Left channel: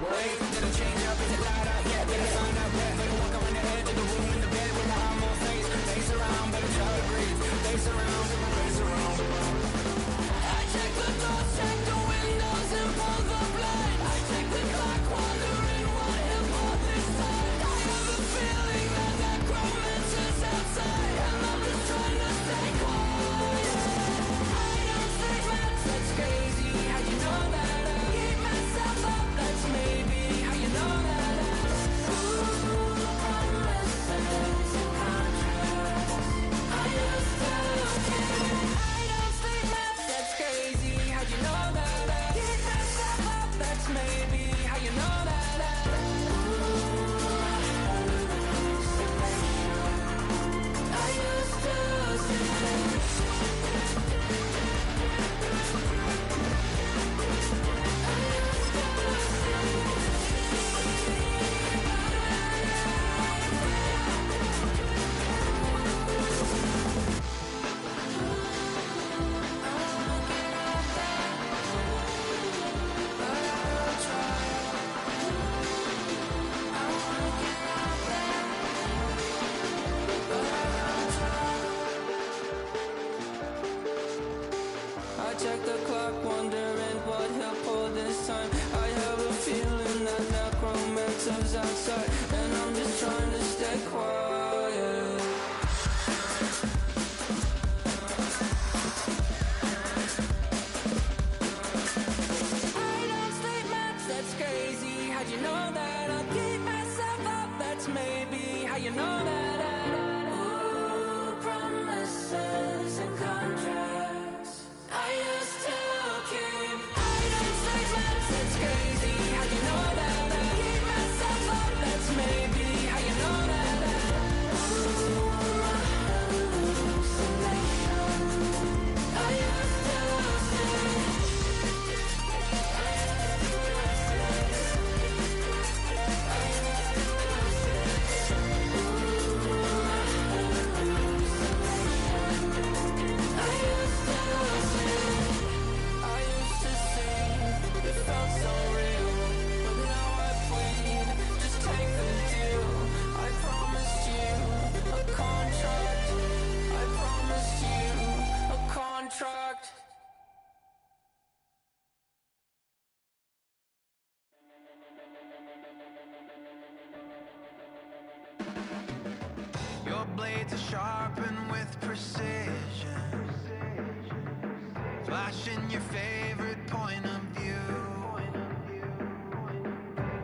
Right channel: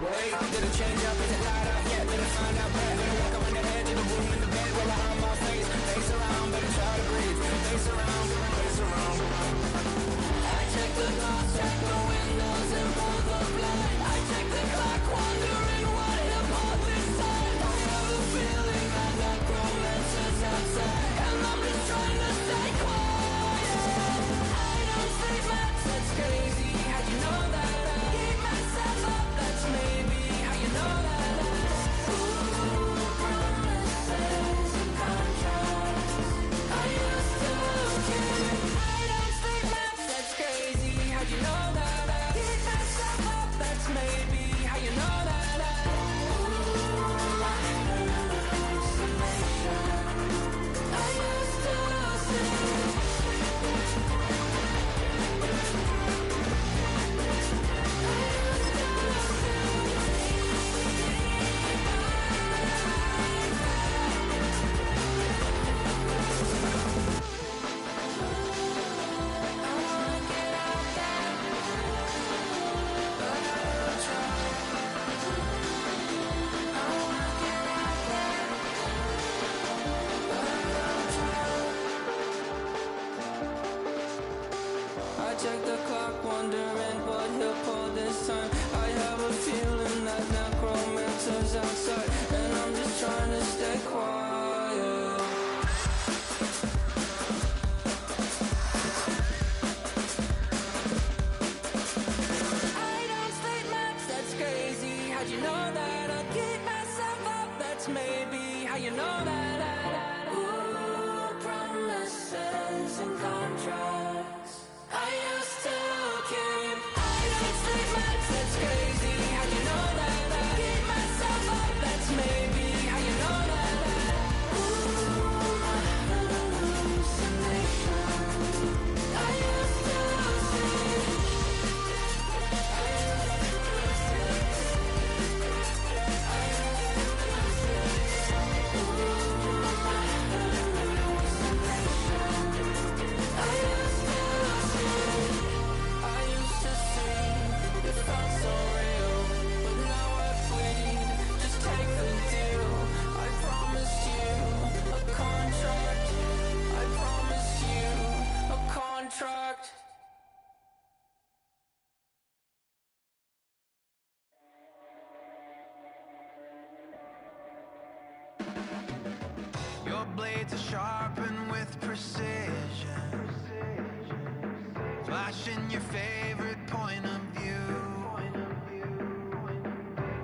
Wait, did it change up? Is it light up? Yeah, better find out where. Better walk around the edge of the room in the bed with my arm on face. Face around, better try to breathe. Face around, face around. I check the doors, check the windows and pull the blind. I check the clock, wondering what he'll pull this time. I have a feeling that necromancer's outside, and I'm just trying to stay quiet. I don't sleep much, that's crazy. How'd you know that? Keep myself up, that's maybe how you know that. Ooh, promises and contracts. I used to keep. I don't sleep much, that's crazy. How'd you know that? Keep myself up, that's maybe how you know that. Ooh, I used to sleep. I check the clock, wondering what he'll pull this time. I have a feeling that necromancer's outside, and I'm just trying to stay quiet. I don't sleep much, that's crazy. How'd you know that? I'll keep myself up, that's maybe how you know that. Ooh, promises and contracts. I used to keep. I don't sleep much, that's crazy. How'd you know that? Keep myself up, that's maybe how you know that. Ooh, hallucination. I used to sleep. It felt so real, but now I plead, just take the deal. I promised you a contract. I promised you a contract. Your blades are sharpened with precision, flashing your favorite point of view.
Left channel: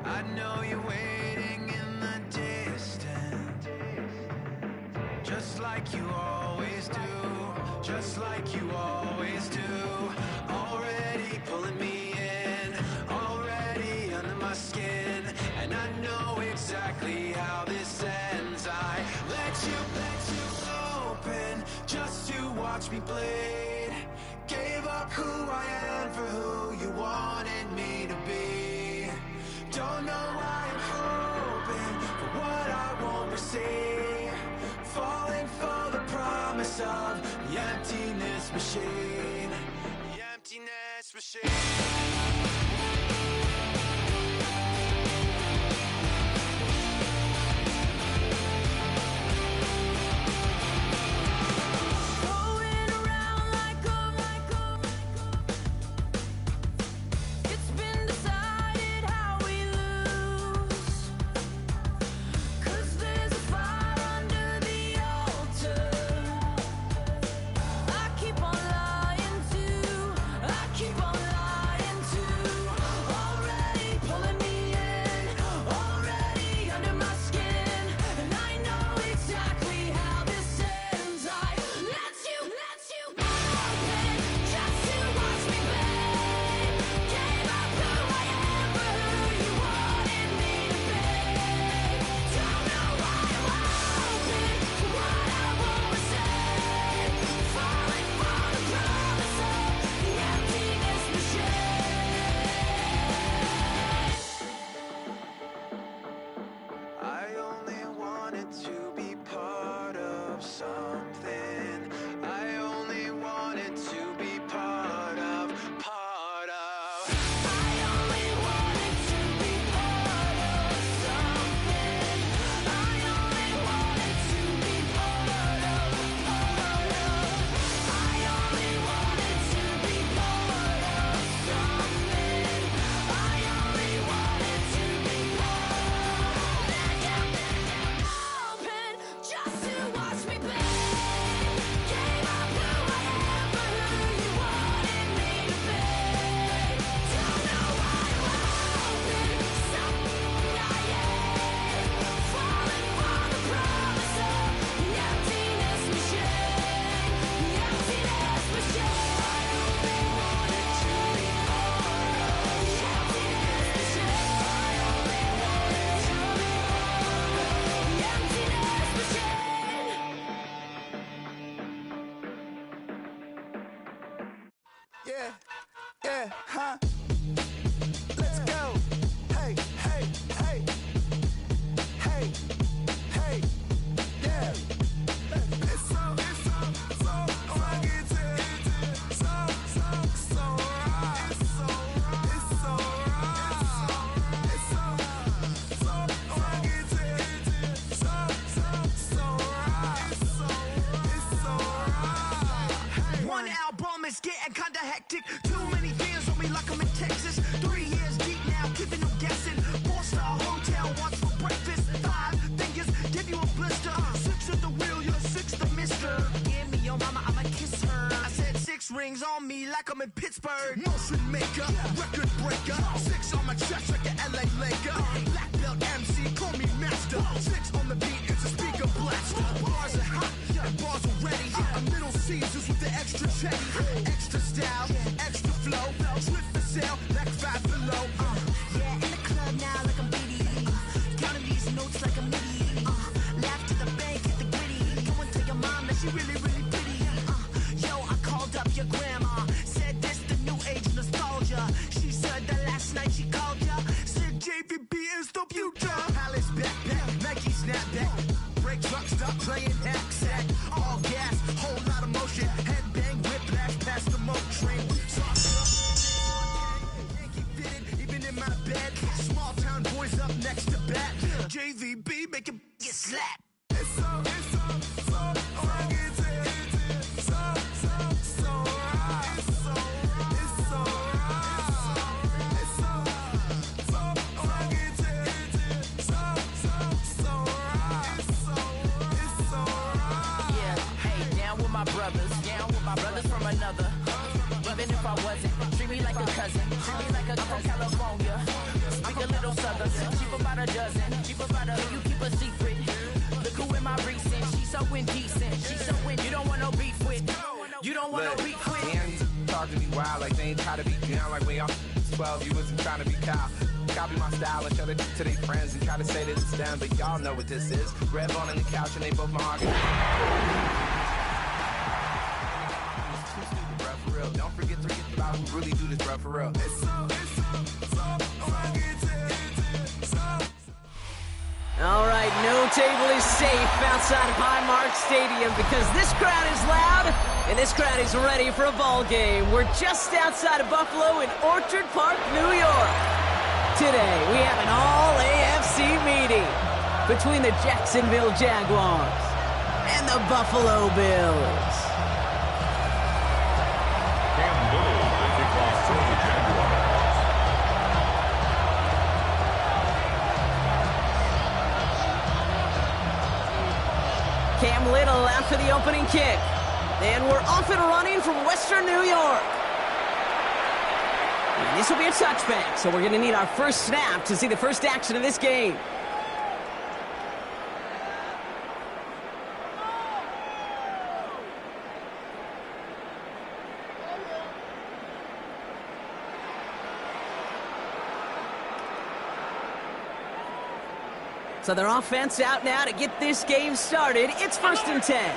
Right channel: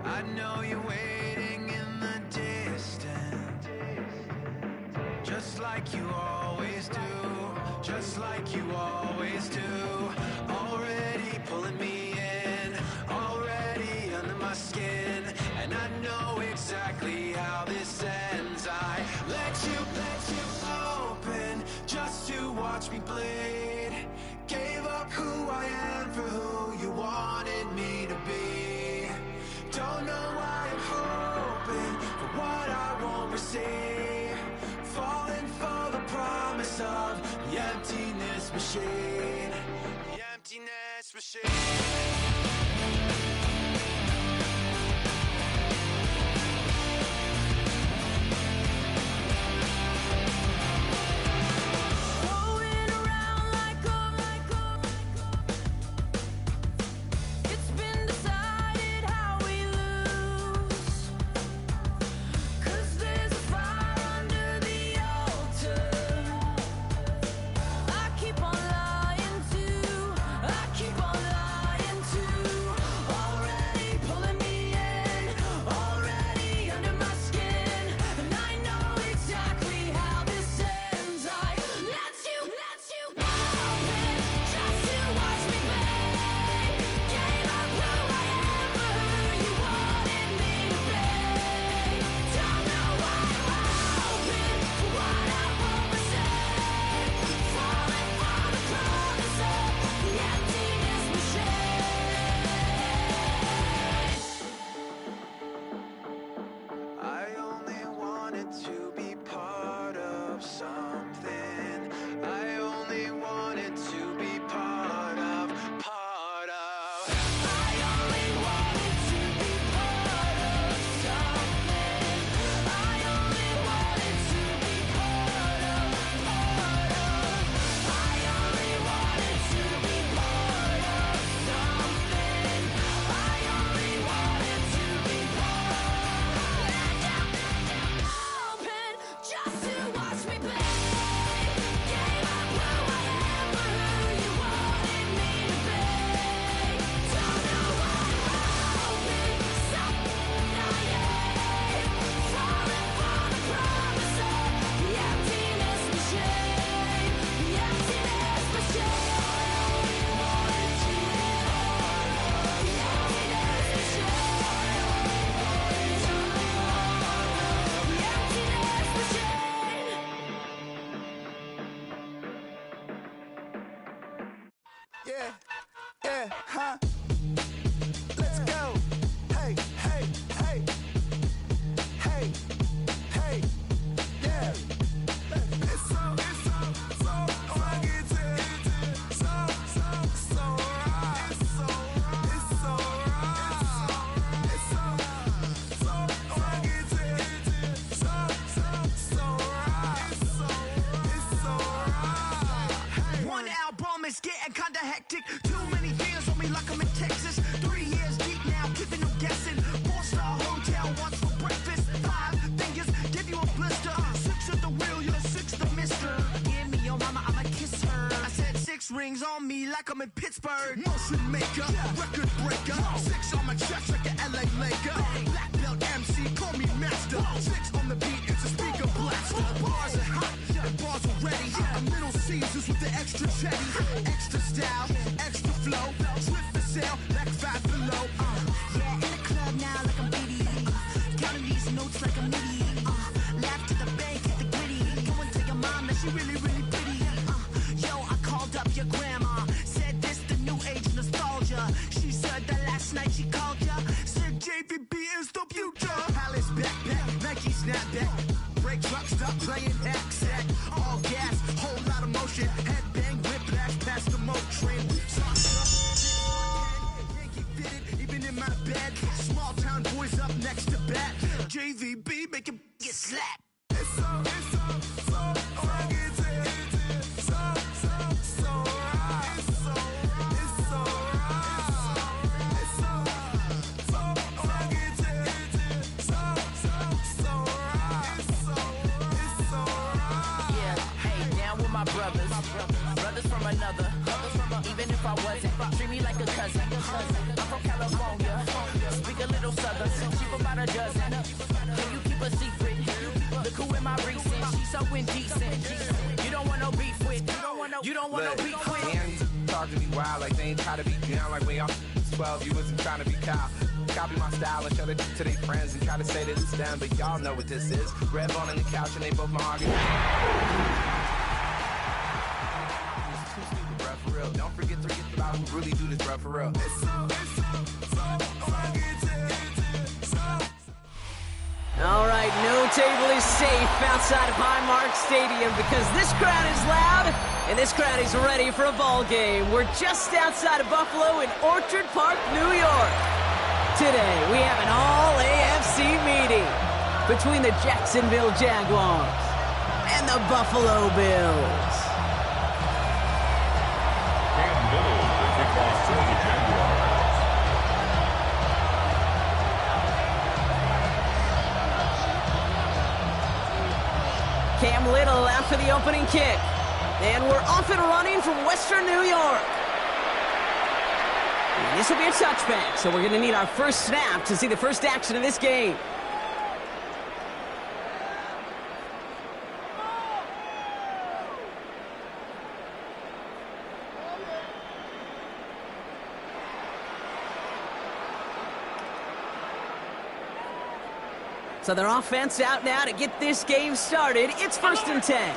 I know you're waiting in the distance, just like you always do, just like you always do. Already pulling me in, already under my skin, and I know exactly how this ends. I let you open just to watch me bleed. Gave up who I am for who you wanted me to be. Don't know why I'm hoping for what I won't receive. Falling for the promise of the emptiness machine. The emptiness machine. Keep on lying like I'm in Pittsburgh. Motion maker, record breaker. 6 on my chest like an LA Laker. Black belt MC, call me master. 6 on the beat, it's a speaker blaster. Bars are hot, and bars are ready. A Middle Caesars with the extra chetty. Extra style, extra flow. Drip for sale, like 5 below. Yeah, in the club now like I'm BD. Counting these notes like a MIDI. Laugh to the bank, hit the gritty. Go and tell your mom that she really, really pretty. Yo, I called up your grandma. Said this the new age nostalgia. She said that last night she called ya. Said JVB is the future. Palace backpack, Nike snapback. Break truck, stop playing hack sack. All gas, whole lot of motion. Headbang, whiplash, past the moat train. Yankee fitted, even in my bed. Small town boys up next to bat. JVB, make it get slapped. It's so rugged. Brothers from another. Even if I wasn't, treat me like a cousin. I'm from California. Speak a little southern. Cheap about a dozen. Can you keep a secret? Look who in my recent. She's so indecent. You don't want no beef with. You don't want no beef with. Damn, talk to me wild like they ain't try to be down like when y'all 12. You wasn't trying to be Kyle. Copy my style and show it to their friends and try to say that it's them, but y'all know what this is. Red bone on the couch and they both mahogany. Don't forget to get about who really do this, bro, for real. All right, no table is safe outside of Highmark Stadium because this crowd is loud and this crowd is ready for a ball game. We're just outside of Buffalo in Orchard Park, New York. Today, we have an all-AFC meeting between the Jacksonville Jaguars and the Buffalo Bills. For the Jaguars. Cam Little after the opening kick. And we're off and running from Western New York. And this will be a touchback, so we're going to need our first snap to see the first action of this game. So their offense out now to get this game started. It's 1st and 10.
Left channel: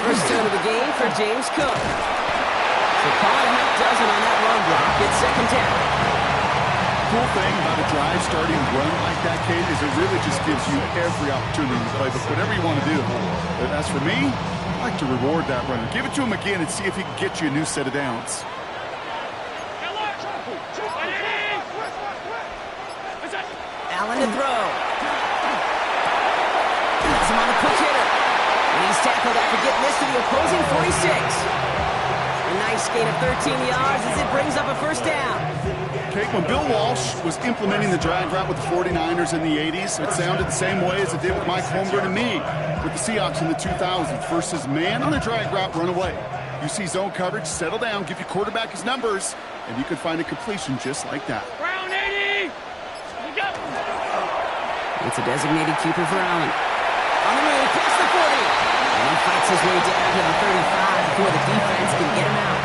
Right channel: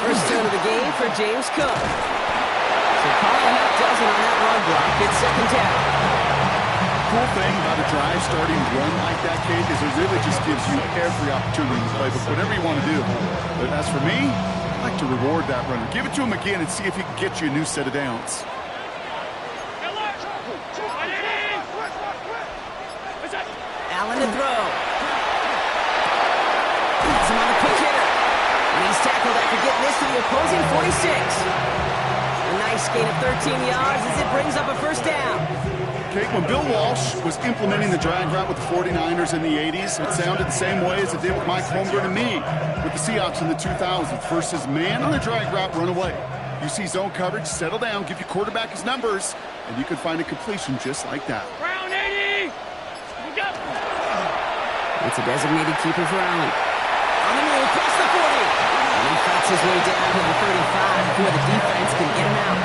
First down of the game for James Cook. So calling a half dozen on that run block. It's 2nd down. Cool thing about a drive starting run like that, Kate, is it really just gives you every opportunity to play, but whatever you want to do. But as for me, I like to reward that runner. Give it to him again and see if he can get you a new set of downs. Allen to throw. That's him on the quick hitter. And he's tackled after getting this to the opposing 46. A nice gain of 13 yards as it brings up a first down. Kate, when Bill Walsh was implementing the drag route with the 49ers in the 80s, it sounded the same way as it did with Mike Holmgren and me with the Seahawks in the 2000s. Versus man on a drag route, run away. You see zone coverage, settle down, give your quarterback his numbers, and you can find a completion just like that. Round 80! It's a designated keeper for Allen. On the move, past the 40. And he fights his way down to the 35 before the defense can get him out.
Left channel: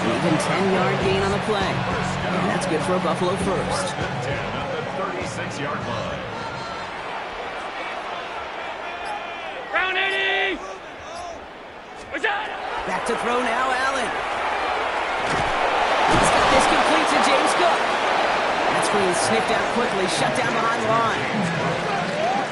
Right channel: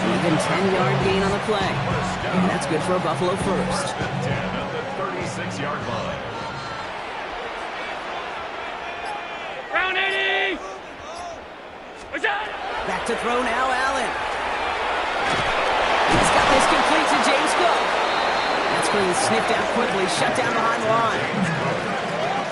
An even 10-yard gain on the play. And that's good for a Buffalo first. 10 at the 36-yard line. Round 80! Back to throw now, Allen. He's got this complete to James Cook. That screen sniffed out quickly, shut down behind the line.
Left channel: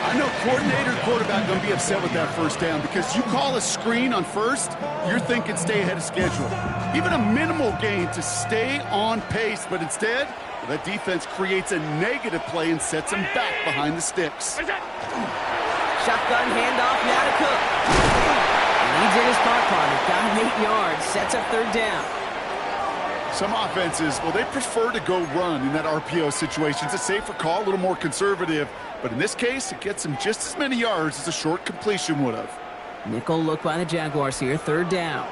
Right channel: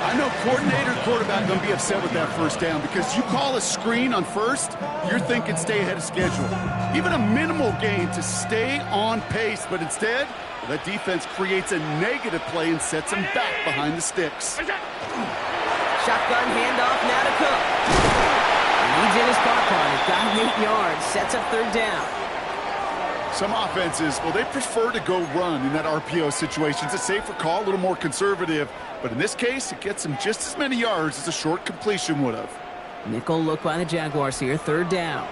I know coordinator and quarterback going to be upset with that first down because you call a screen on first, you're thinking stay ahead of schedule. Even a minimal gain to stay on pace, but instead, that defense creates a negative play and sets them back behind the sticks. Shotgun handoff now to Cook. And he did his part on it, got him 8 yards, sets up 3rd down. Some offenses, well, they prefer to go run in that RPO situation. It's a safer call, a little more conservative. But in this case, it gets them just as many yards as a short completion would have. Nickel look by the Jaguars here, third down.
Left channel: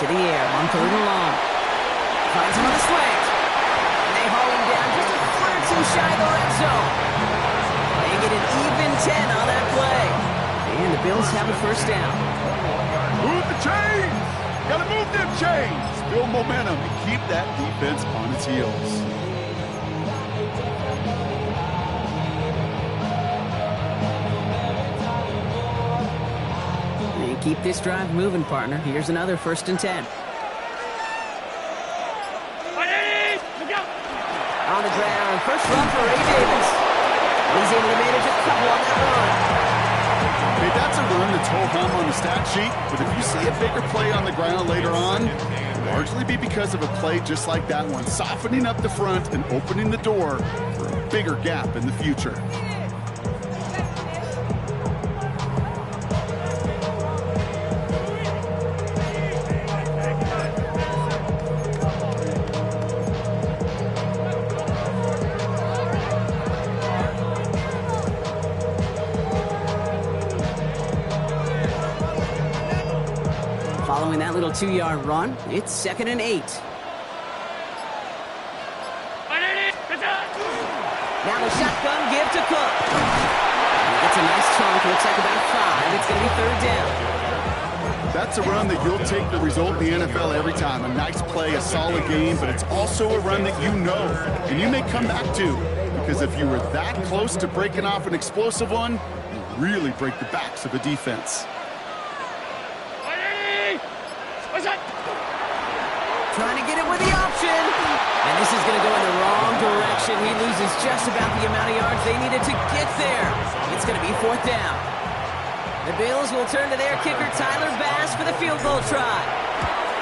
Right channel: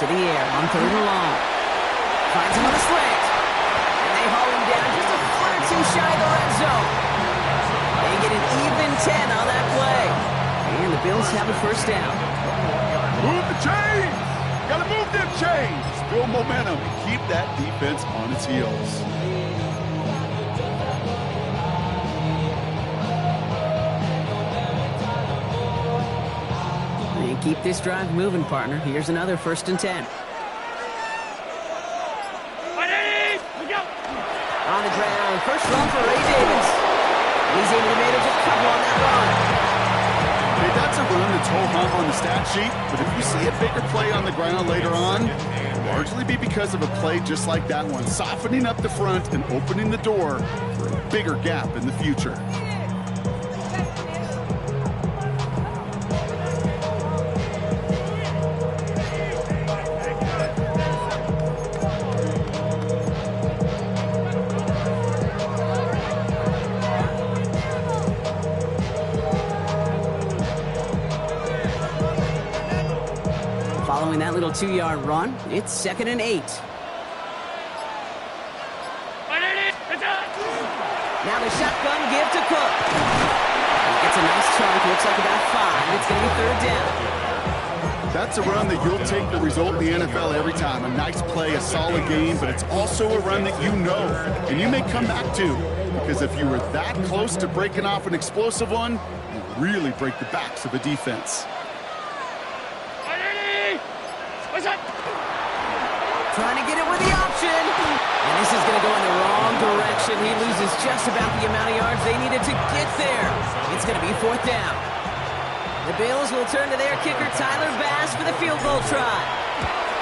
To the air on third and long. Finds him on the slant. And they haul him down just a foot or two shy of the red zone. They get an even 10 on that play. And the Bills have a first down. Move the chains! Gotta move them chains! Build momentum and keep that defense on its heels. And keep this drive moving, partner. Here's another first and 10. On the ground, first run for Ray Davis. He's able to manage a couple on that run. Hey, that's a run that's ho-hum on the stat sheet, but if you see a bigger play on the ground later on, it'll largely be because of a play just like that one, softening up the front and opening the door for a bigger gap in the future. Following that little 2-yard run, it's 2nd and 8. Now the shotgun give to Cook. He gets a nice chunk, looks like about 5. It's going to be third down. That's a run that you'll take the result in the NFL every time. A nice play, a solid game, but it's also a run that you know and you may come back to, because if you were that close to breaking off an explosive one, you really break the backs of a defense. Trying to get it with the option. And this is going to go in the wrong direction. He loses just about the amount of yards they needed to get there. It's going to be fourth down. The Bills will turn to their kicker, Tyler Bass, for the field goal try.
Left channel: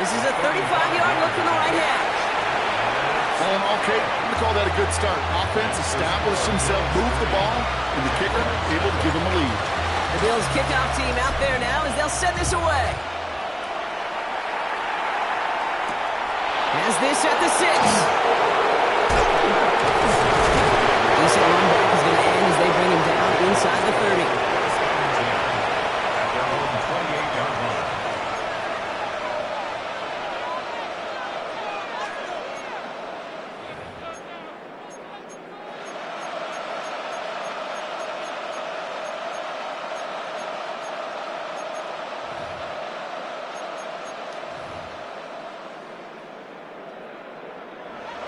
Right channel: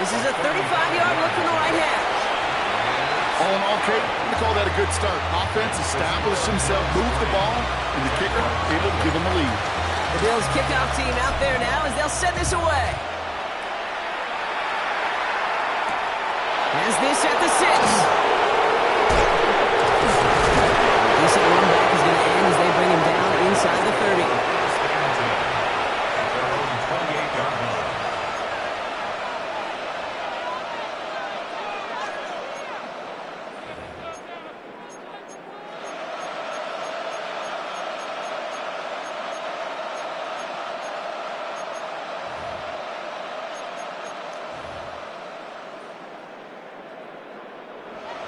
This is a 35-yard look from the right half. All in all, Kate, I'm going to call that a good start. Offense established himself, moved the ball, and the kicker able to give him a lead. The Bills kickoff team out there now as they'll send this away. Has this at the 6. Decent run back is going to end as they bring him down inside the 30. At their own 28-yard line.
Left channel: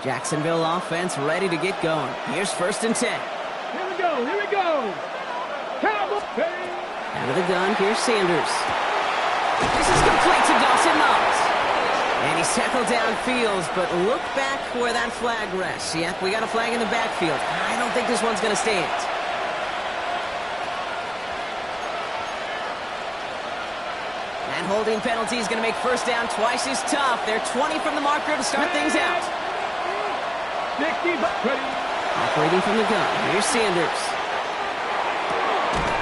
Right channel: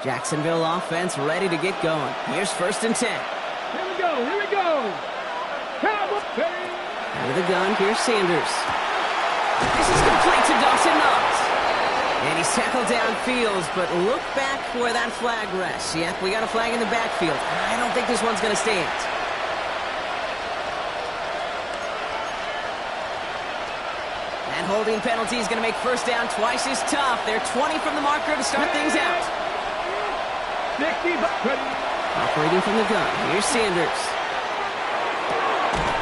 Jacksonville offense ready to get going. Here's 1st and 10. Here we go, here we go. Cowboys. Out of the gun, here's Sanders. This is complete to Dawson Knox. And he's tackled downfield, but look back where that flag rests. Yep, we got a flag in the backfield. I don't think this one's going to stand. That holding penalty is going to make first down twice as tough. They're 20 from the marker to start things out. 60, ready. Operating from the gun, here's Sanders.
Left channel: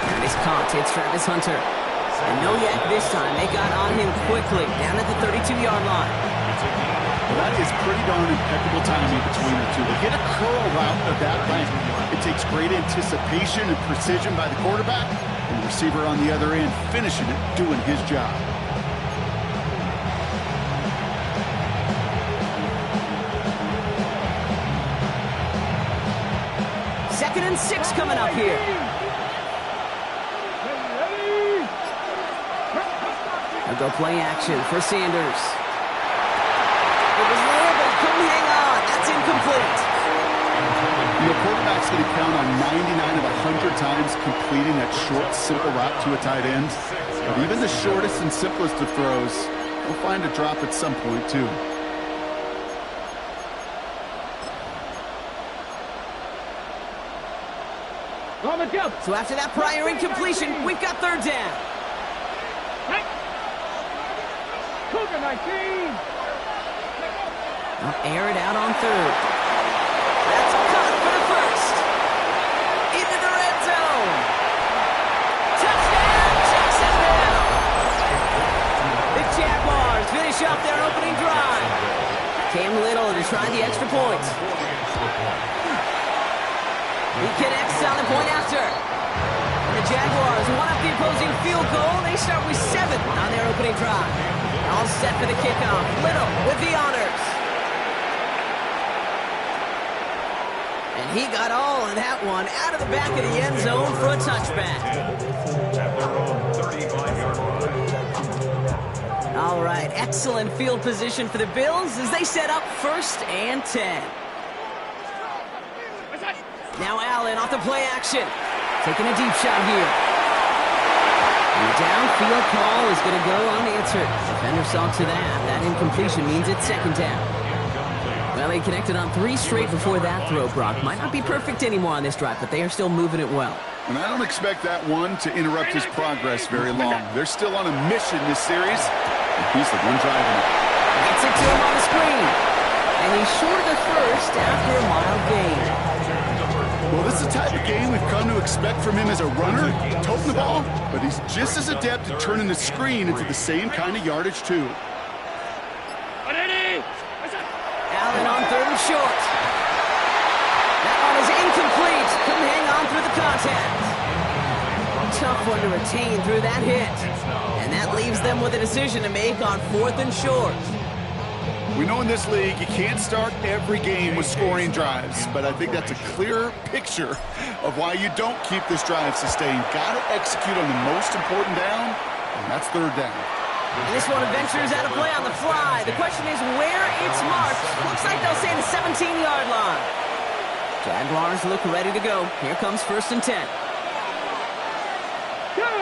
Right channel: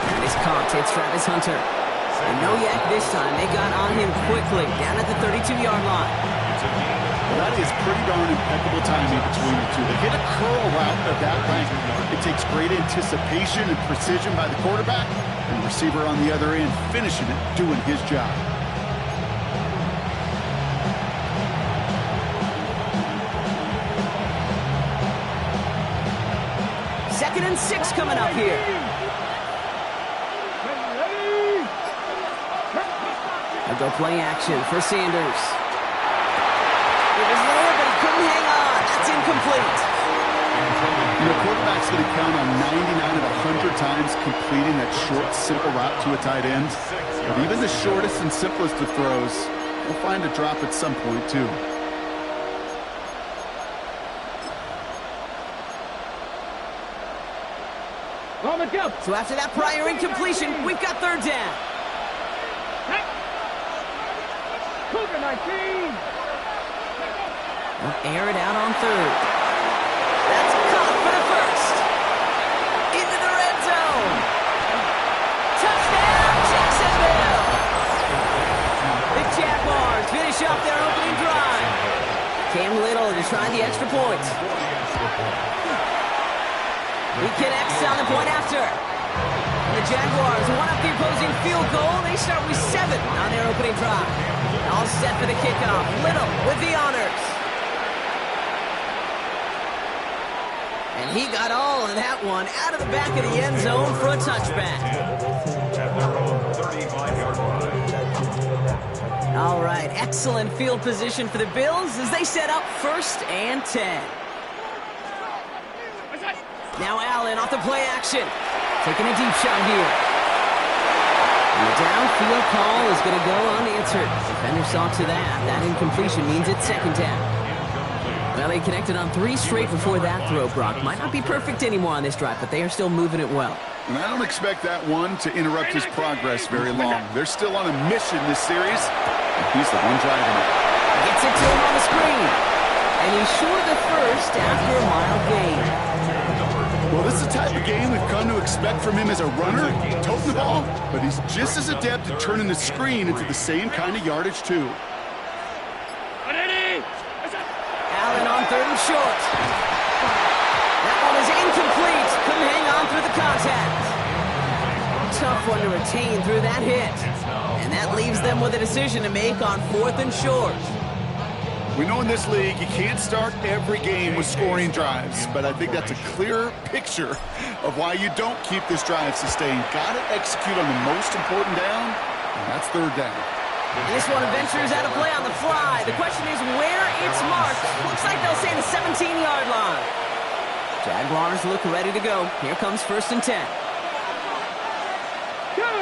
And he's caught, it's Travis Hunter. And no yak this time, they got on him quickly, down at the 32-yard line. Well, that is pretty darn impeccable timing between the two. They hit a curl route of that length. It takes great anticipation and precision by the quarterback, and the receiver on the other end finishing it, doing his job. Second and 6 coming up here. They'll go play action for Sanders. It was there, but he couldn't hang on. That's incomplete. You know, quarterback's going to count on 99 of 100 times completing that short, simple route to a tight end. But even the shortest and simplest of throws, will find a drop at some point, too. So after that prior incompletion, we've got third down. Cougar 19. They'll air it out on third. That's caught for the first. Into the red zone. Touchdown, Jacksonville. The Jaguars finish off their opening drive. Cam Little to try the extra point. He connects on the point after. And the Jaguars one up the opposing field goal. They start with 7 on their opening drive. All set for the kickoff. Little with the honors. And he got all of that one out of the back of the end zone for a touchback. At their own 35-yard line. All right, excellent field position for the Bills as they set up 1st and 10. Now Allen off the play action. Taking a deep shot here. And the downfield call is going to go unanswered. Defender saw to that. That incompletion means it's 2nd down. Well, they connected on 3 straight before that throw, Brock. Might not be perfect anymore on this drive, but they are still moving it well. And I don't expect that one to interrupt his progress very long. They're still on a mission this series, and he's the one driving it. Gets it to him on the screen. And he's short of the first after a mild gain. Well, this is the type of game we've come to expect from him as a runner, toting the ball, but he's just as adept at turning the screen into the same kind of yardage, too. Allen on 3rd and short. That one is incomplete. Couldn't hang on through the contact. Tough one to retain through that hit. And that leaves them with a decision to make on 4th and short. We know in this league you can't start every game with scoring drives, but I think that's a clear picture of why you don't keep this drive sustained. Got to execute on the most important down, and that's 3rd down. And this one ventures out of play on the fly. The question is where it's marked. Looks like they'll say the 17-yard line. Jaguars look ready to go. Here comes 1st and 10. Go!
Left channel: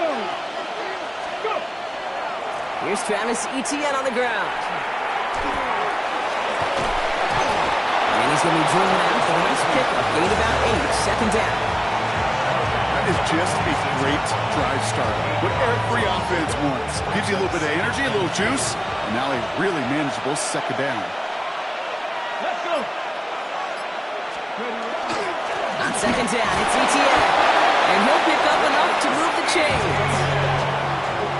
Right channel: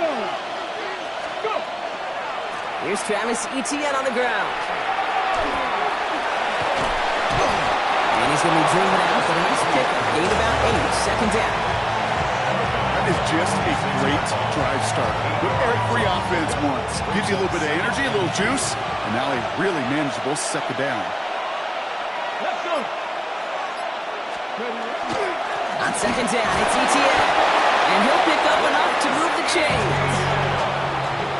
Here's Travis Etienne on the ground. And he's going to be driven out for the next pickup. Gain about 8, 2nd down. That is just a great drive starter. What every offense wants. Gives you a little bit of energy, a little juice, and now a really manageable 2nd down. Let's go! On 2nd down, it's Etienne. And he'll pick up enough to move the chains.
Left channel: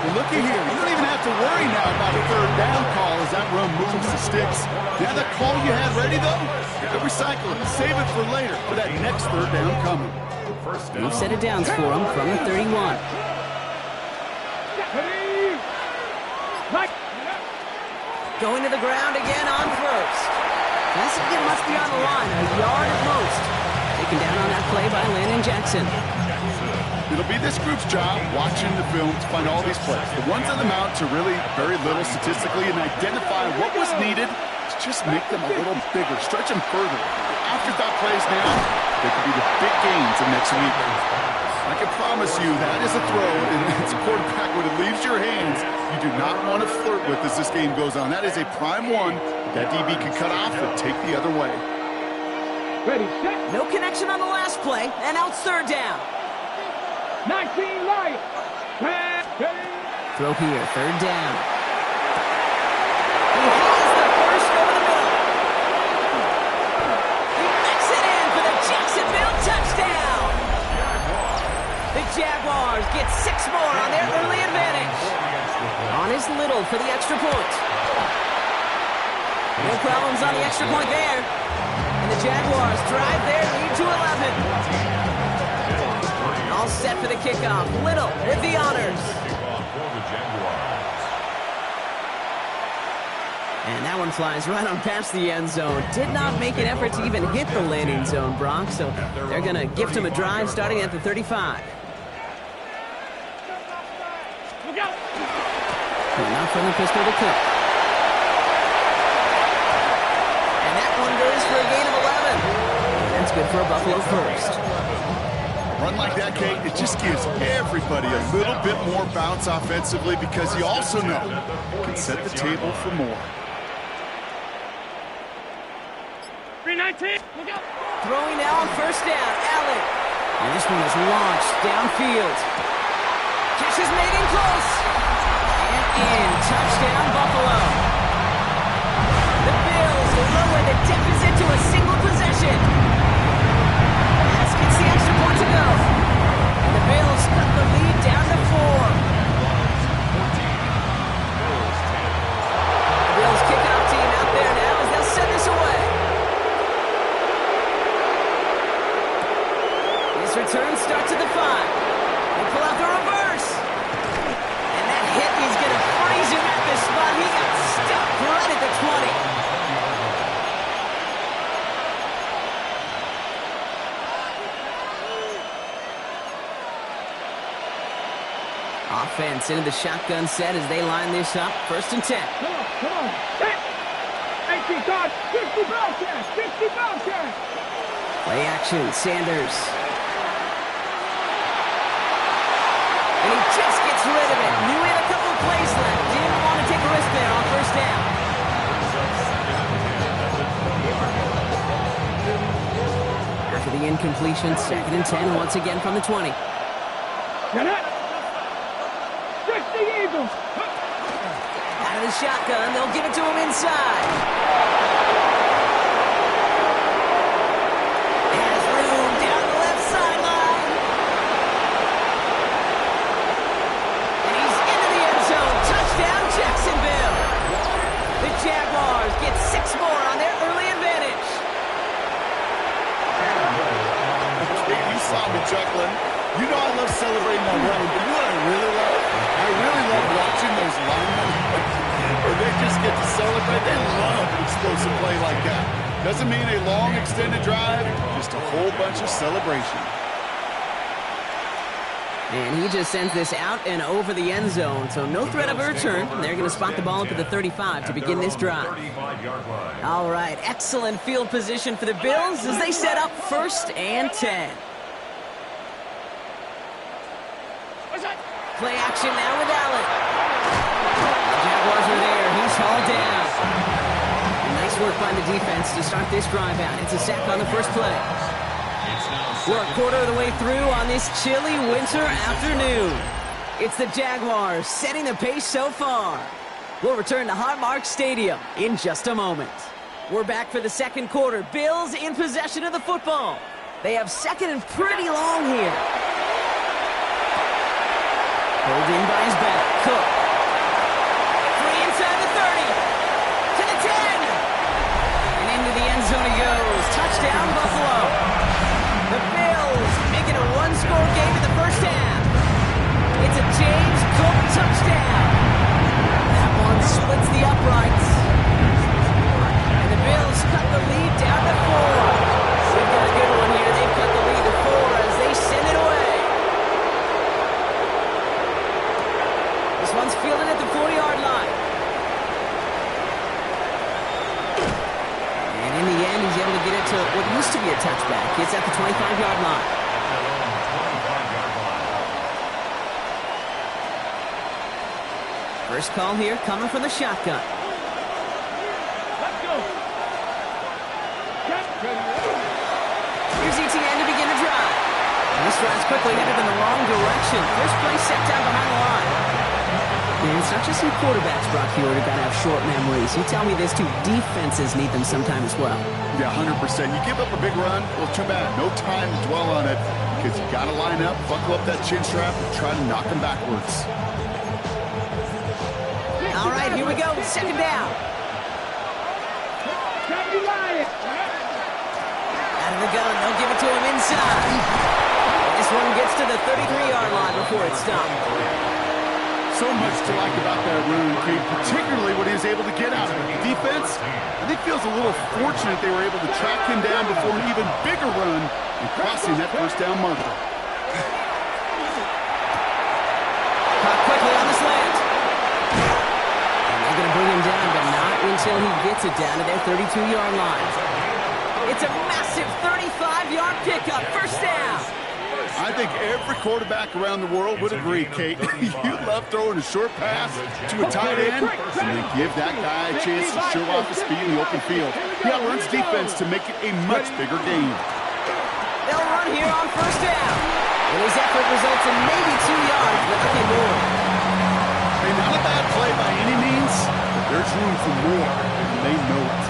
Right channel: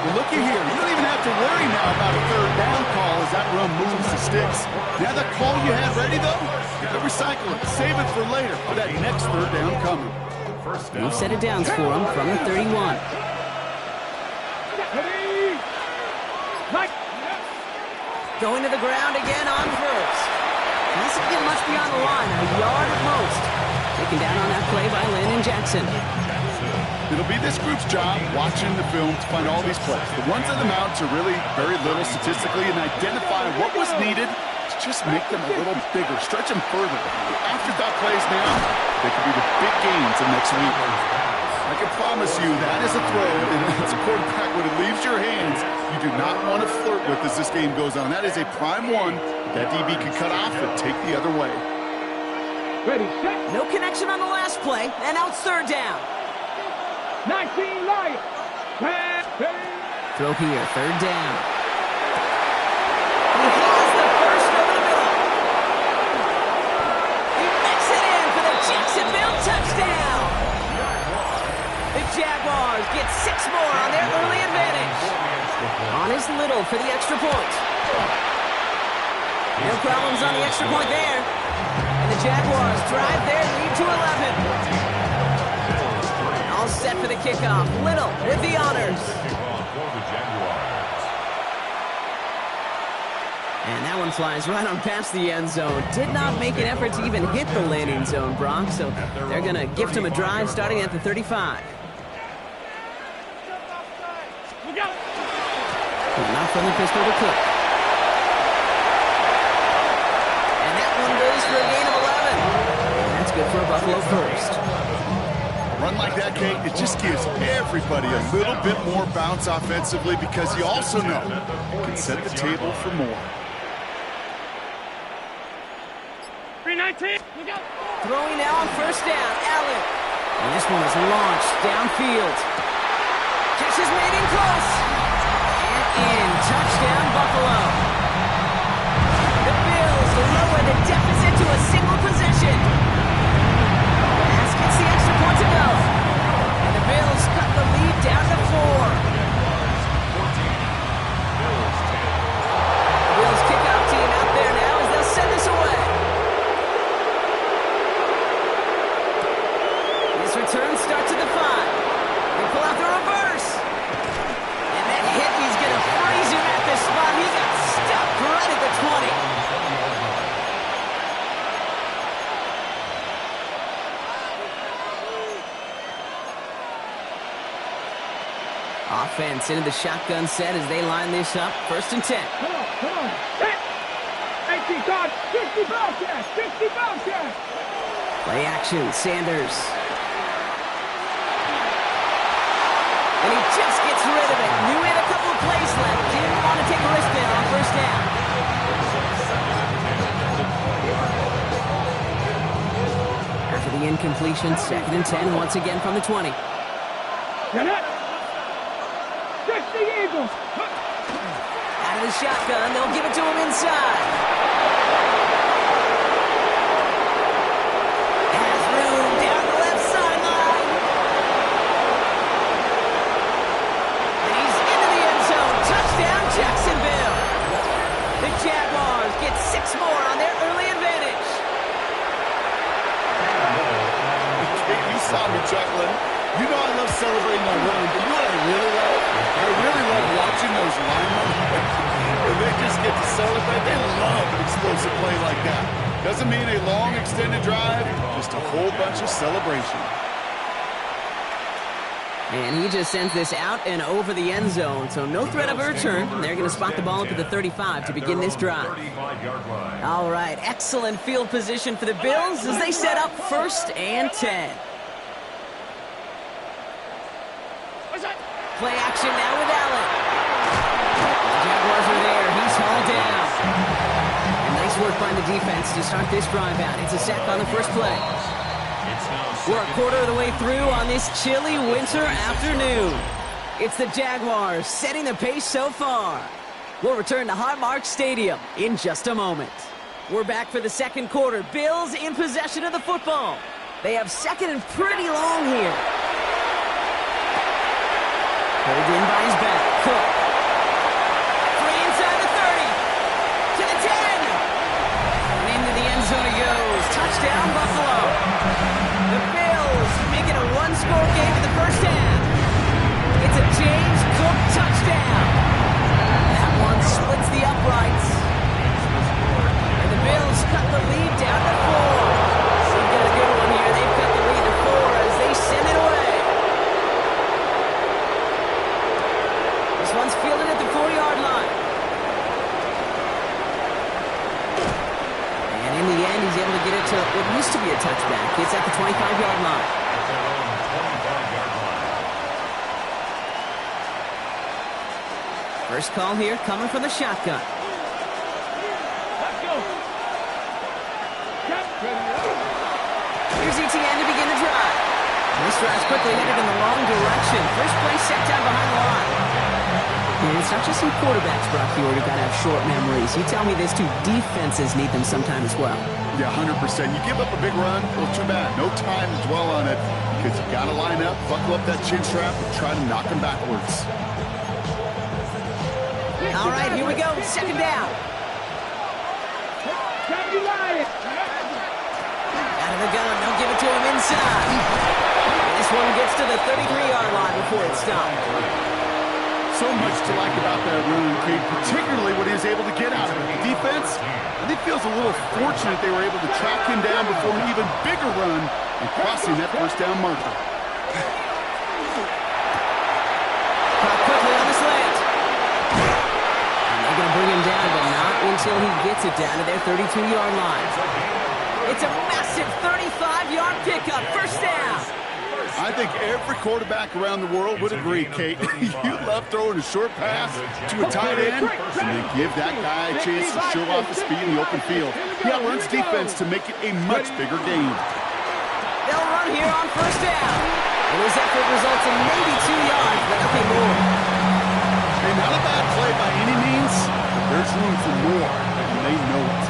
Well, looky here. You don't even have to worry now about a 3rd down call as that run moves the sticks. Now that call you had ready, though, you can recycle it. Save it for later for that next 3rd down coming. New set of downs for him from the 31. Going to the ground again on 1st. Doesn't get much beyond the line, a yard at most. Taken down on that play by Landon Jackson. It'll be this group's job watching the film to find all these plays. The ones on the mounts are really very little statistically and identify what was needed to just make them a little bigger, stretch them further. The afterthought plays now, they could be the big gains of next week. I can promise you that is a throw, and it's a quarterback when it leaves your hands you do not want to flirt with as this game goes on. That is a prime one that DB can cut off and take the other way. Ready, set. No connection on the last play, and now it's 3rd down. 19 Lions. Throw here, 3rd down. He has the first over the middle. He makes it in for the Jacksonville touchdown. The Jaguars get 6 more on their early advantage. On is Little for the extra point. No problems on the extra point there. And the Jaguars drive their lead to 11. All set for the kickoff. Little with the honors. And that one flies right on past the end zone. Did not make an effort to even hit the landing zone, Brock. So they're going to gift him a drive starting at the 35. Not from the pistol to kick. And that one goes for a gain of 11. And that's good for a Buffalo first. Run like that, Kate, it just gives everybody a little bit more bounce offensively because you also know you can set the table for more. 319. Throwing now on 1st down, Allen. And this one is launched downfield. Catch is made in close. And in. Touchdown, Buffalo. The Bills lower the deficit to a single possession. Pass gets the extra point to go. And the Bills cut the lead down to 4. The Bills kickoff team out there now as they'll send this away. offense into the shotgun set as they line this up. 1st and 10. Come on. Set. 18 guard. 50 Bobcats. 50 Bobcats. Play action, Sanders. And he just gets rid of it. Knew he had a couple of plays left. Didn't want to take a risk there on 1st down. After the incompletion, 2nd and 10 once again from the 20. Get it. 60 Eagles. Out of the shotgun, they'll give it to him inside. Has room down the left sideline. And he's into the end zone. Touchdown, Jacksonville. The Jaguars get 6 more on their early advantage. You saw me chuckling. You know I love celebrating that run, but you know what I really love? I really love watching those linemen. When they just get to celebrate, they love an explosive play like that. Doesn't mean a long extended drive, just a whole bunch of celebration. And he just sends this out and over the end zone, so no threat of a return. They're going to spot the ball up at the 35 to begin this drive. All right, excellent field position for the Bills as they set up 1st and 10. Play action now with Allen. The Jaguars are there. He's hauled down. And nice work by the defense to start this drive out. It's a sack on the first play. We're a quarter of the way through on this chilly winter afternoon. It's the Jaguars setting the pace so far. We'll return to Highmark Stadium in just a moment. We're back for the 2nd quarter. Bills in possession of the football. They have 2nd and pretty long here. Pulled in by his back. Cook. Free inside the 30. To the 10. And into the end zone he goes. Touchdown, Buffalo. The Bills make it a 1-score game in the 1st half. It's a James Cook touchdown. That one splits the uprights. And the Bills cut the lead down to 4. They've got a good one here. They've cut the lead to 4 as they send it away. This one's fielded at the 40-yard line. And in the end, he's able to get it to what used to be a touchback. It's at the 25-yard line. First call here coming from the shotgun. Let's go. Here's ETN to begin the drive. And this drive's quickly headed in the wrong direction. First play set down behind the line. And it's not just some quarterbacks, Brock Huard, who got to have short memories. You tell me this too, defenses need them sometime as well. Yeah, 100%. You give up a big run, well, too bad. No time to dwell on it because you got to line up, buckle up that chin strap, and try to knock them backwards. All right, here we go. 2nd down. Out of the gun, they'll give it to him inside. And this one gets to the 33-yard line before it's stopped. So much to like about that run, Kate, particularly what he was able to get out of it. The defense, I think, feels a little fortunate they were able to track him down before an even bigger run and crossing that 1st down marker. Caught quickly on the slant. And they're going to bring him down, but not until he gets it down to their 32-yard line. It's a massive 35-yard pickup, 1st down. I think every quarterback around the world would agree, Kate. You love throwing a short pass to a tight end and then give that guy a chance to show off his speed in the open field. He outruns defense to make it a much bigger game. They'll run here on 1st down. And his effort results in maybe 2 yards, but nothing more. Hey, not a bad play by any means, but there's room for more, and they know it.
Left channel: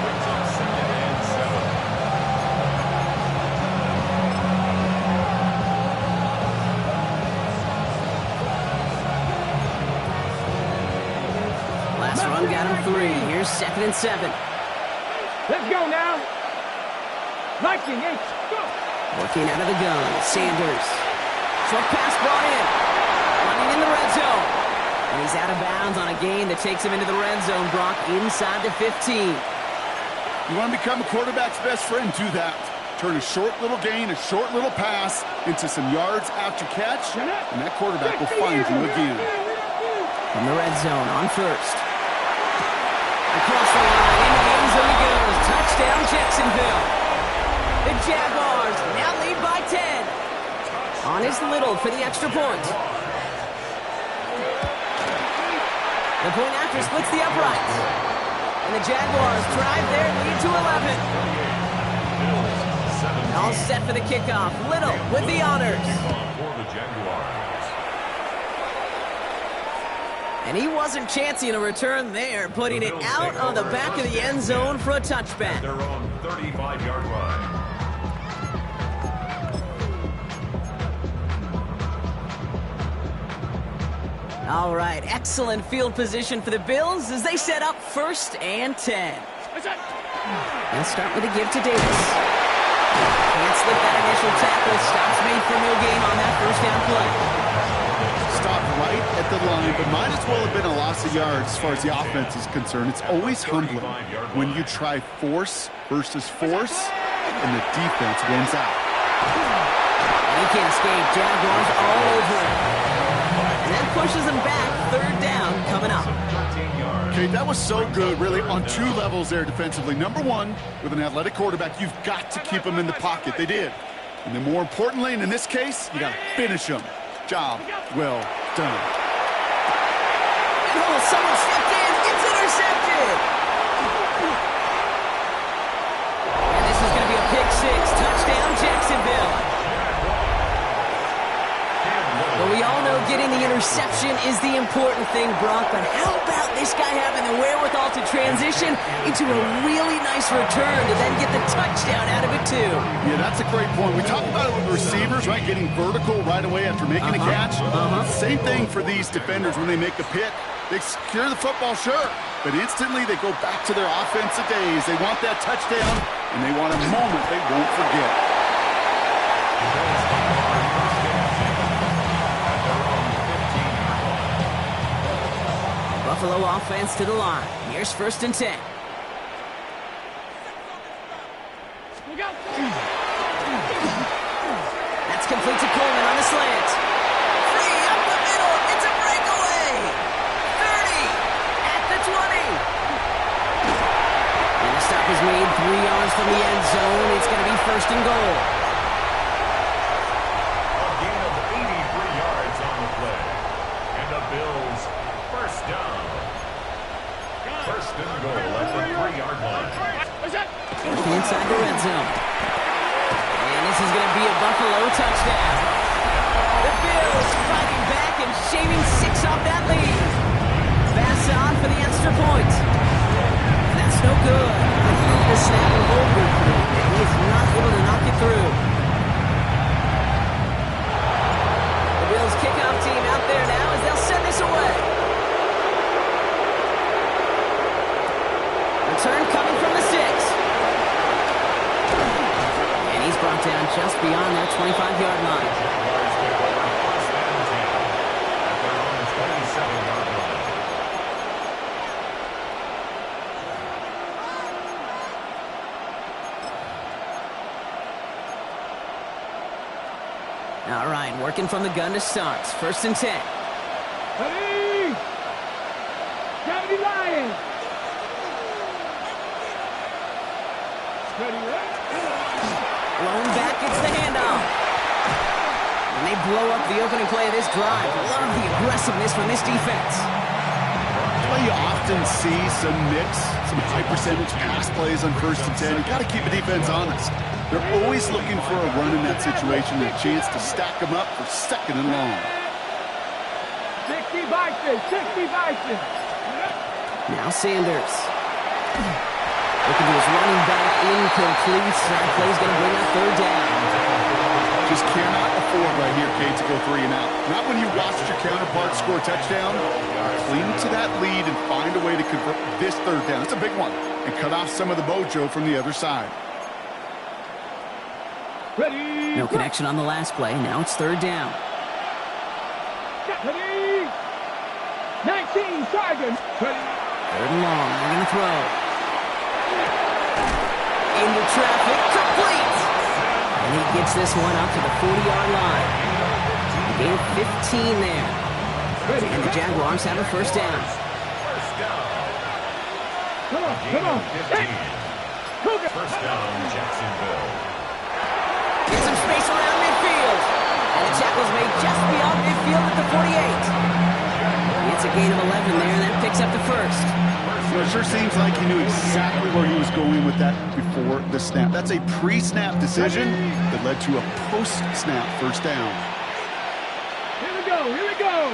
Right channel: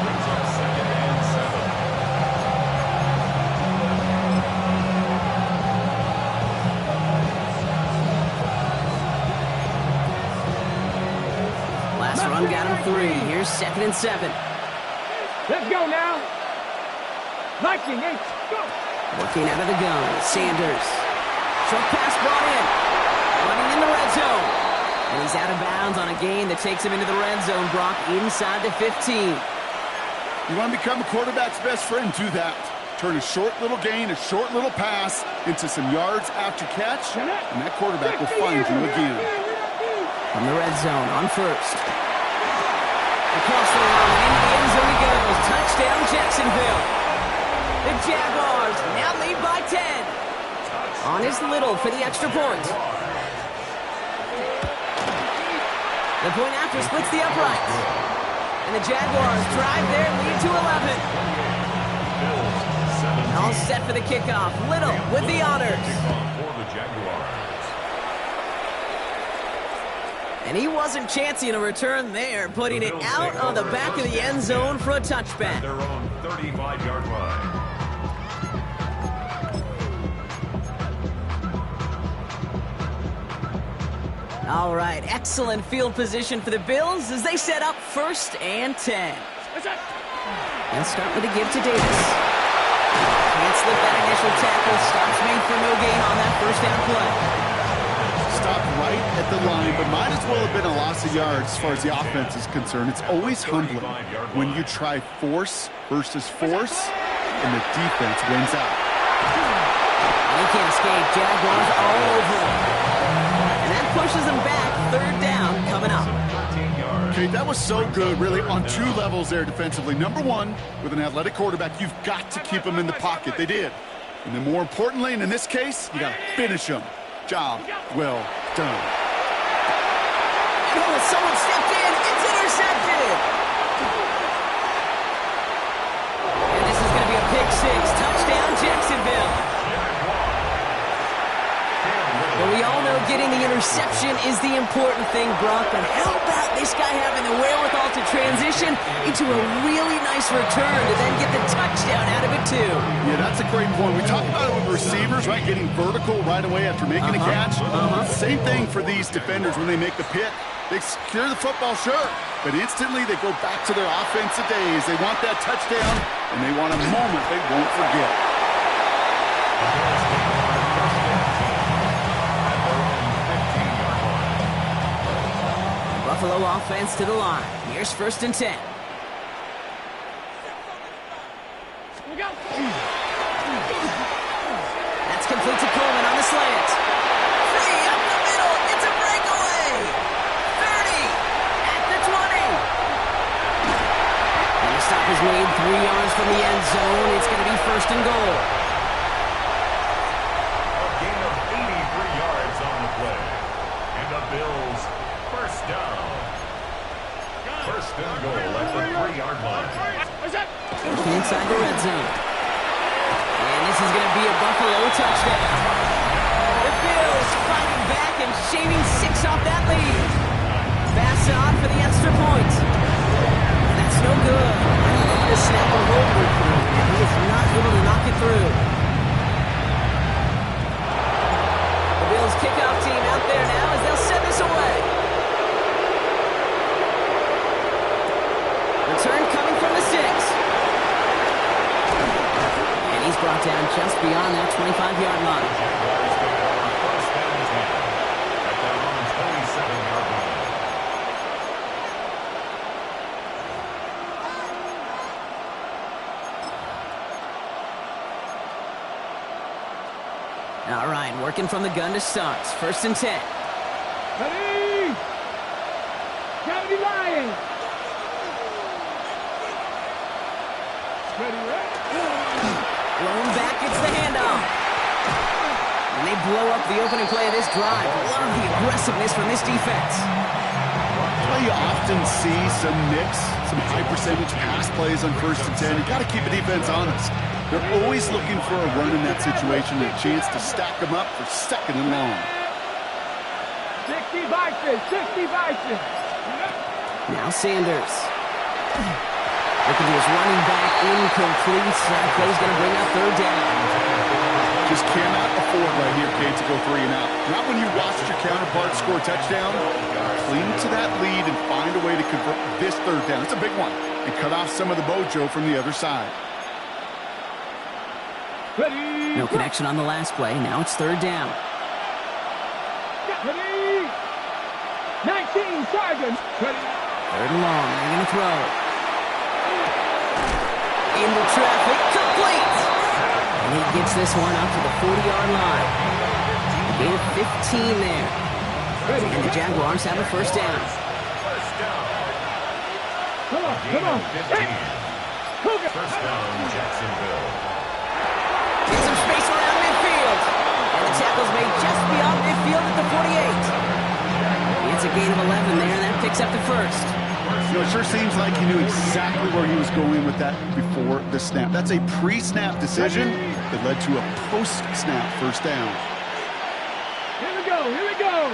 Last run got him 3. Here's 2nd and 7. Let's go now. Liking H. Go. Working out of the gun. Sanders. Short pass brought in. Running in the red zone. And he's out of bounds on a gain that takes him into the red zone, Brock, inside the 15. You want to become a quarterback's best friend, do that. Turn a short little gain, a short little pass into some yards after catch, and that quarterback will find you again. From the red zone, on first. Across the line, into the end zone he goes. Touchdown, Jacksonville. The Jaguars now lead by 10. On is Little for the extra point. The point after splits the uprights. And the Jaguars drive their lead to 11. All set for the kickoff. Little with the honors. And he wasn't chancing a return there, putting it out on the back of the end zone for a touchback. Their own 35-yard line. All right, excellent field position for the Bills as they set up 1st and 10. They'll start with a give to Davis. Can't slip that initial tackle. Stops made for no gain on that first down play. Stopped right at the line, but might as well have been a loss of yards as far as the offense is concerned. It's always humbling when you try force versus force, and the defense wins out. And he can't escape. Jaguars all over him. And that pushes him back. 3rd down coming up. Okay, that was so good, really, on 2 levels there defensively. Number 1, with an athletic quarterback, you've got to keep him in the pocket. They did. And then more importantly, and in this case, you got to finish him. Job well done. And someone stepped in. It's intercepted. And this is going to be a pick 6. Touchdown, Jacksonville. But we all know getting the interception is the important thing, Brock. But how about this guy having the wherewithal to transition into a really nice return to then get the touchdown out of it, too? Yeah, that's a great point. We talk about it with receivers, right? Getting vertical right away after making a catch. Same thing for these defenders when they make a pick. They secure the football, sure, but instantly they go back to their offensive days. They want that touchdown, and they want a moment they won't forget. Buffalo offense to the line. Here's 1st and 10. That's complete to Coleman on the slant. Free up the middle. It's a breakaway. 30 at the 20. And the stop is made 3 yards from the end zone. It's going to be 1st and goal. A gain of 83 yards on the play. And the Bills 1st down. 1st and goal at the 3-yard line. Working inside the red zone. And this is going to be a Buffalo touchdown. The Bills fighting back and shaving 6 off that lead. Pass on for the extra point. That's no good. I don't know if the snap and hold work for him. He is not able to knock it through. The Bills kickoff team out there now as they'll send this away. Return coming from the 6. And he's brought down just beyond that 25-yard line. Jaguars take over 1st and 10 at their own 27-yard line. All right, working from the gun to start. 1st and 10. Ready? Gravity Lions. Ready, Blown back, it's the handoff. And they blow up the opening play of this drive. Love the aggressiveness from this defense. That's why you often see some mix, some high-percentage pass plays on 1st and 10. You got to keep a defense honest. They're always looking for a run in that situation and a chance to stack them up for 2nd and long. 60 Vikings, 60 Vikings. Now Sanders. Looking to his running back, incomplete. That play's going to bring up 3rd down. Just cannot afford right here, Kate, to go 3 and out. Not when you watched your counterpart score a touchdown. Cling to that lead and find a way to convert this 3rd down. It's a big one. And cut off some of the mojo from the other side. Ready? No connection on the last play. Now it's 3rd down. Ready? 19 Tigers. Ready? 3rd and long. They're going to throw. Into traffic, complete! And he gets this one up to the 40-yard line. A gain of 15 there. And the Jaguars have a first down. First down. Come on, Gain come on. of 15. First down, Jacksonville. Get some space around midfield. And the tackle's made just beyond midfield at the 48. It's a gain of 11 there, and that picks up the first. You know, it sure seems like he knew exactly where he was going with that before the snap. That's a pre-snap decision that led to a post-snap first down. Here we go, here we go.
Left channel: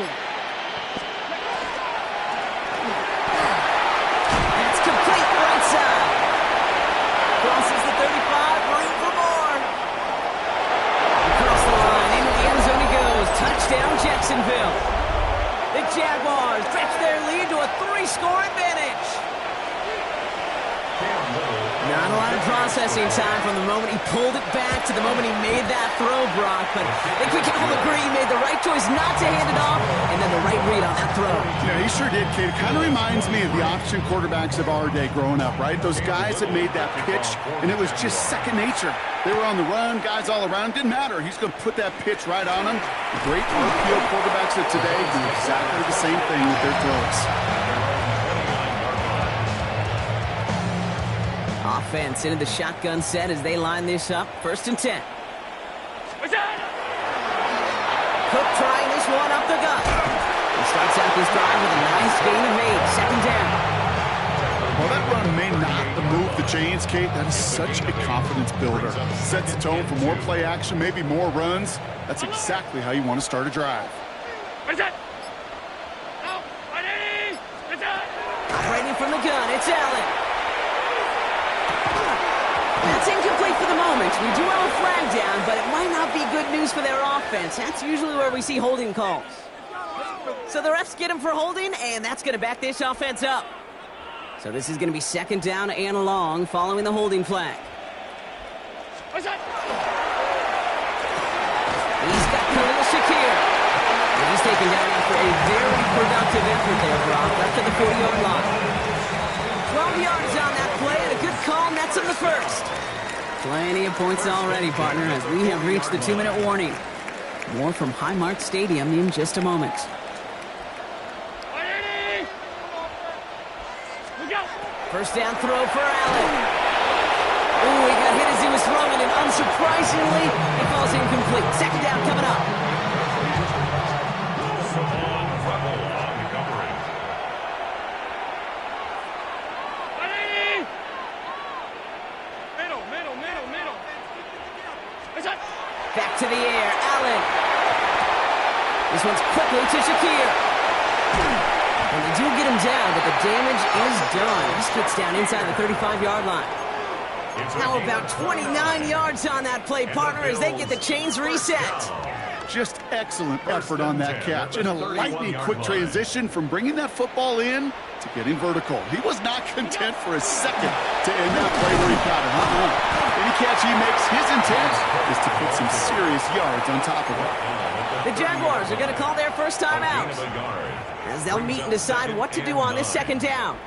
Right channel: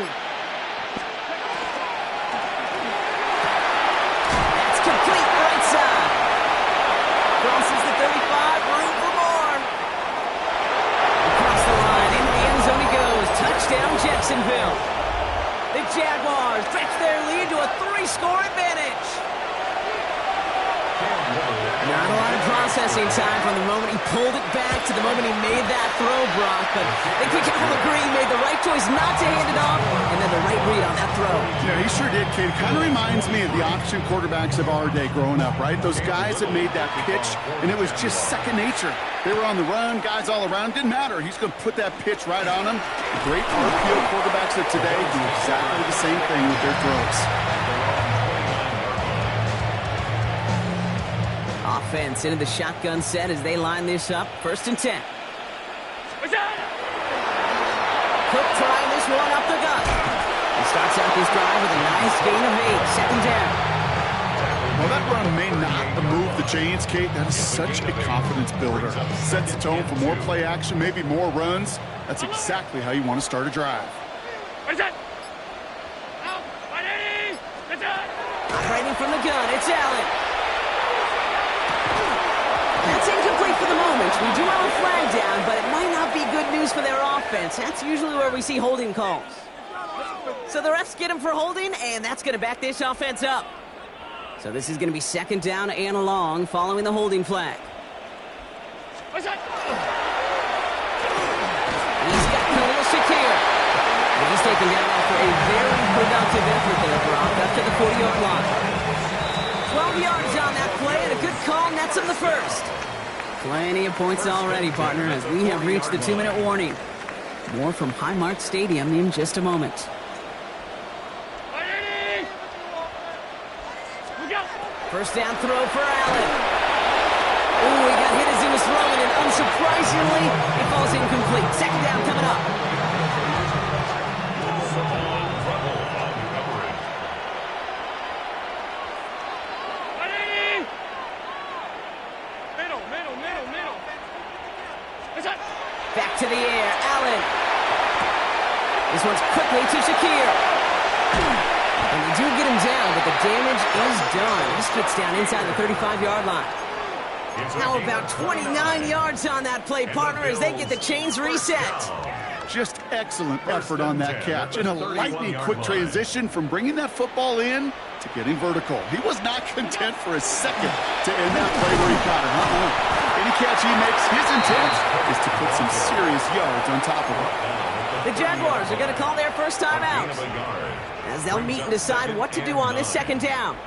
That's complete right side. Crosses the 35, room for more. Across the line, into the end zone he goes. Touchdown, Jacksonville. The Jaguars stretch their lead to a 3-score advantage. Not a lot of processing time from the moment he pulled it back to the moment he made that throw, Brock. But I think we can all agree he made the right choice not to hand it off, and then the right read on that throw. Yeah, he sure did, Kate. It kind of reminds me of the option quarterbacks of our day growing up, right? Those guys that made that pitch, and it was just second nature. They were on the run, guys all around. Didn't matter. He's going to put that pitch right on them. The great RPO quarterbacks of today do exactly the same thing with their throws. Offense into the shotgun set as they line this up. 1st and 10. Cook trying this one up the gut. He starts out this drive with a nice gain of 8. 2nd down. Well, that run may not move the chains, Kate. That is such a confidence builder. Sets the tone for more play action, maybe more runs. That's exactly how you want to start a drive. Operating from the gun, it's Allen. That's incomplete for the moment. We do have a flag down, but it might not be good news for their offense. That's usually where we see holding calls. So the refs get him for holding, and that's going to back this offense up. So this is going to be 2nd down and long following the holding flag. He's got Khalil Shakir. And he's taken down after a very productive effort there, Brock, up to the 40-yard line. 12 yards on that play, and a good call nets him the first. Plenty of points already, partner, as we have reached the 2-minute warning. More from Highmark Stadium in just a moment. First down throw for Allen. Ooh, he got hit as he was throwing, and unsurprisingly, it falls incomplete. 2nd down coming up. Back to the air, Allen. This one's quickly to Shakir. And they do get him down, but the damage is done. This gets down inside the 35-yard line. How about 29 yards on that play, partner, as they get the chains reset. Just excellent effort on that catch. And a lightning quick transition from bringing that football in to getting vertical. He was not content for a second to end that play where he got it. Any catch he makes, his intent is to put some serious yards on top of it. The Jaguars are going to call their first time out, as they'll meet and decide what to do on this 2nd down.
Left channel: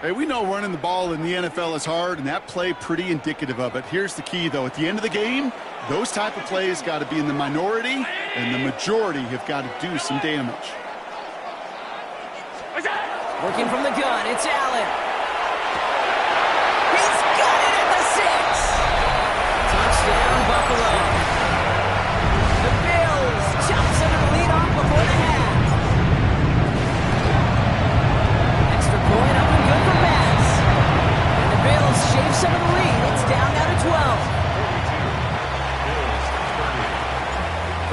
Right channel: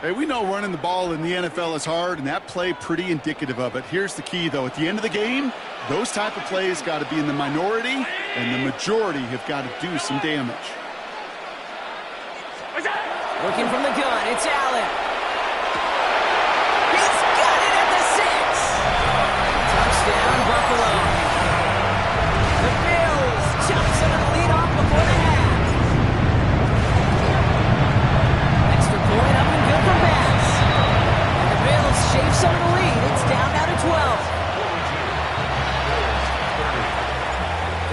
Hey, we know running the ball in the NFL is hard, and that play pretty indicative of it. Here's the key, though. At the end of the game, those type of plays got to be in the minority, and the majority have got to do some damage. Working from the gun, it's Allen. He's got it at the 6. Touchdown, Buffalo. The Bills chop some of the lead off before the half. Extra point up and good for Bass. And the Bills shave some of the lead. It's down now to 12.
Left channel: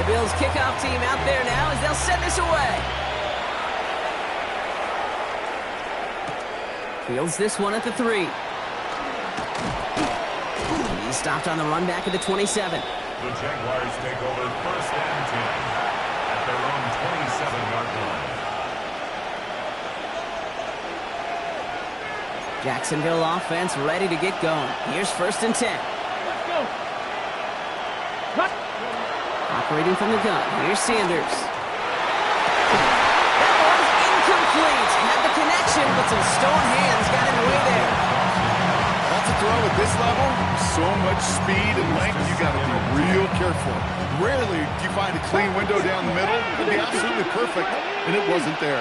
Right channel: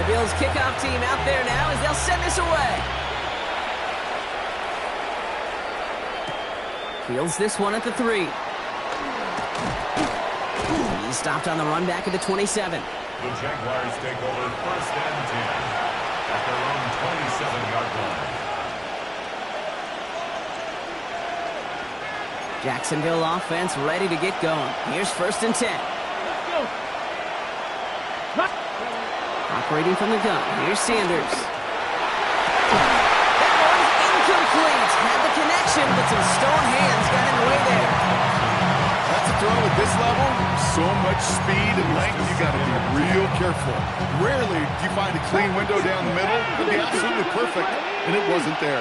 42. The Bills kickoff team out there now as they'll send this away. Fields this one at the 3. He's stopped on the run back at the 27. The Jaguars take over 1st and 10 at their own 27-yard line. Jacksonville offense ready to get going. Here's 1st and 10. Let's go. Operating from the gun. Here's Sanders. That one's incomplete. Had the connection, but some stone hands got in the way there. That's a to throw at this level, so much speed and length, you got to be real careful. Rarely do you find a clean window down the middle. It'd be absolutely perfect, and it wasn't there.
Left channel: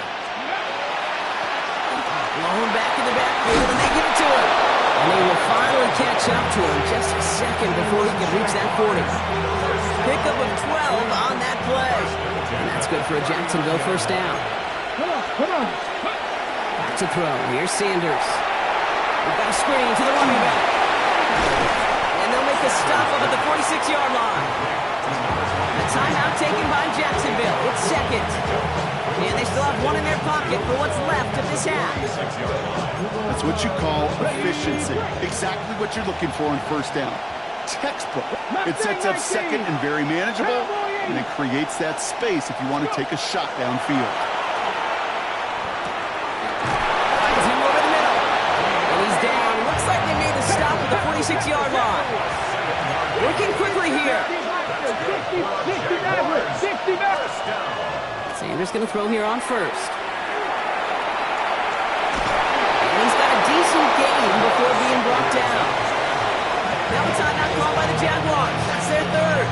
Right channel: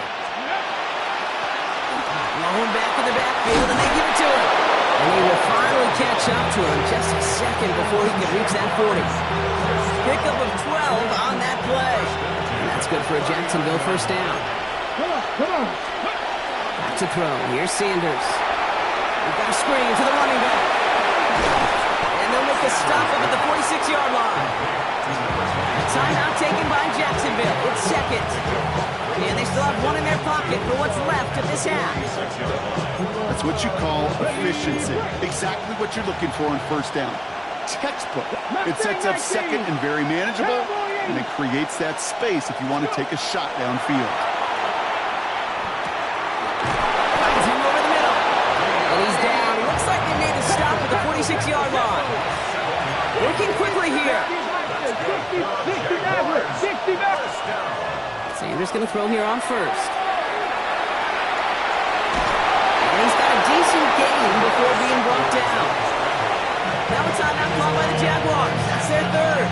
Blowing back in the backfield, and they give it to him. And he will finally catch up to him just a second before he can reach that 40. Pickup of 12 on that play. And that's good for a Jacksonville first down. Come on. Back to throw. Here's Sanders. We've got a screen to the running back. And they'll make a stop up at the 46-yard line. A timeout taken by Jacksonville. It's second. And they still have one in their pocket for what's left of this half. That's what you call efficiency. Exactly what you're looking for on first down. Textbook. It sets up second and very manageable, and it creates that space if you want to take a shot downfield. Finds him over the middle. And he's down. Looks like they made the stop at the 46-yard line. Working quickly here. 60 back. Sanders going to throw here on first. And he's got a decent gain before being brought down. Now a timeout called by the Jaguars. That's their third.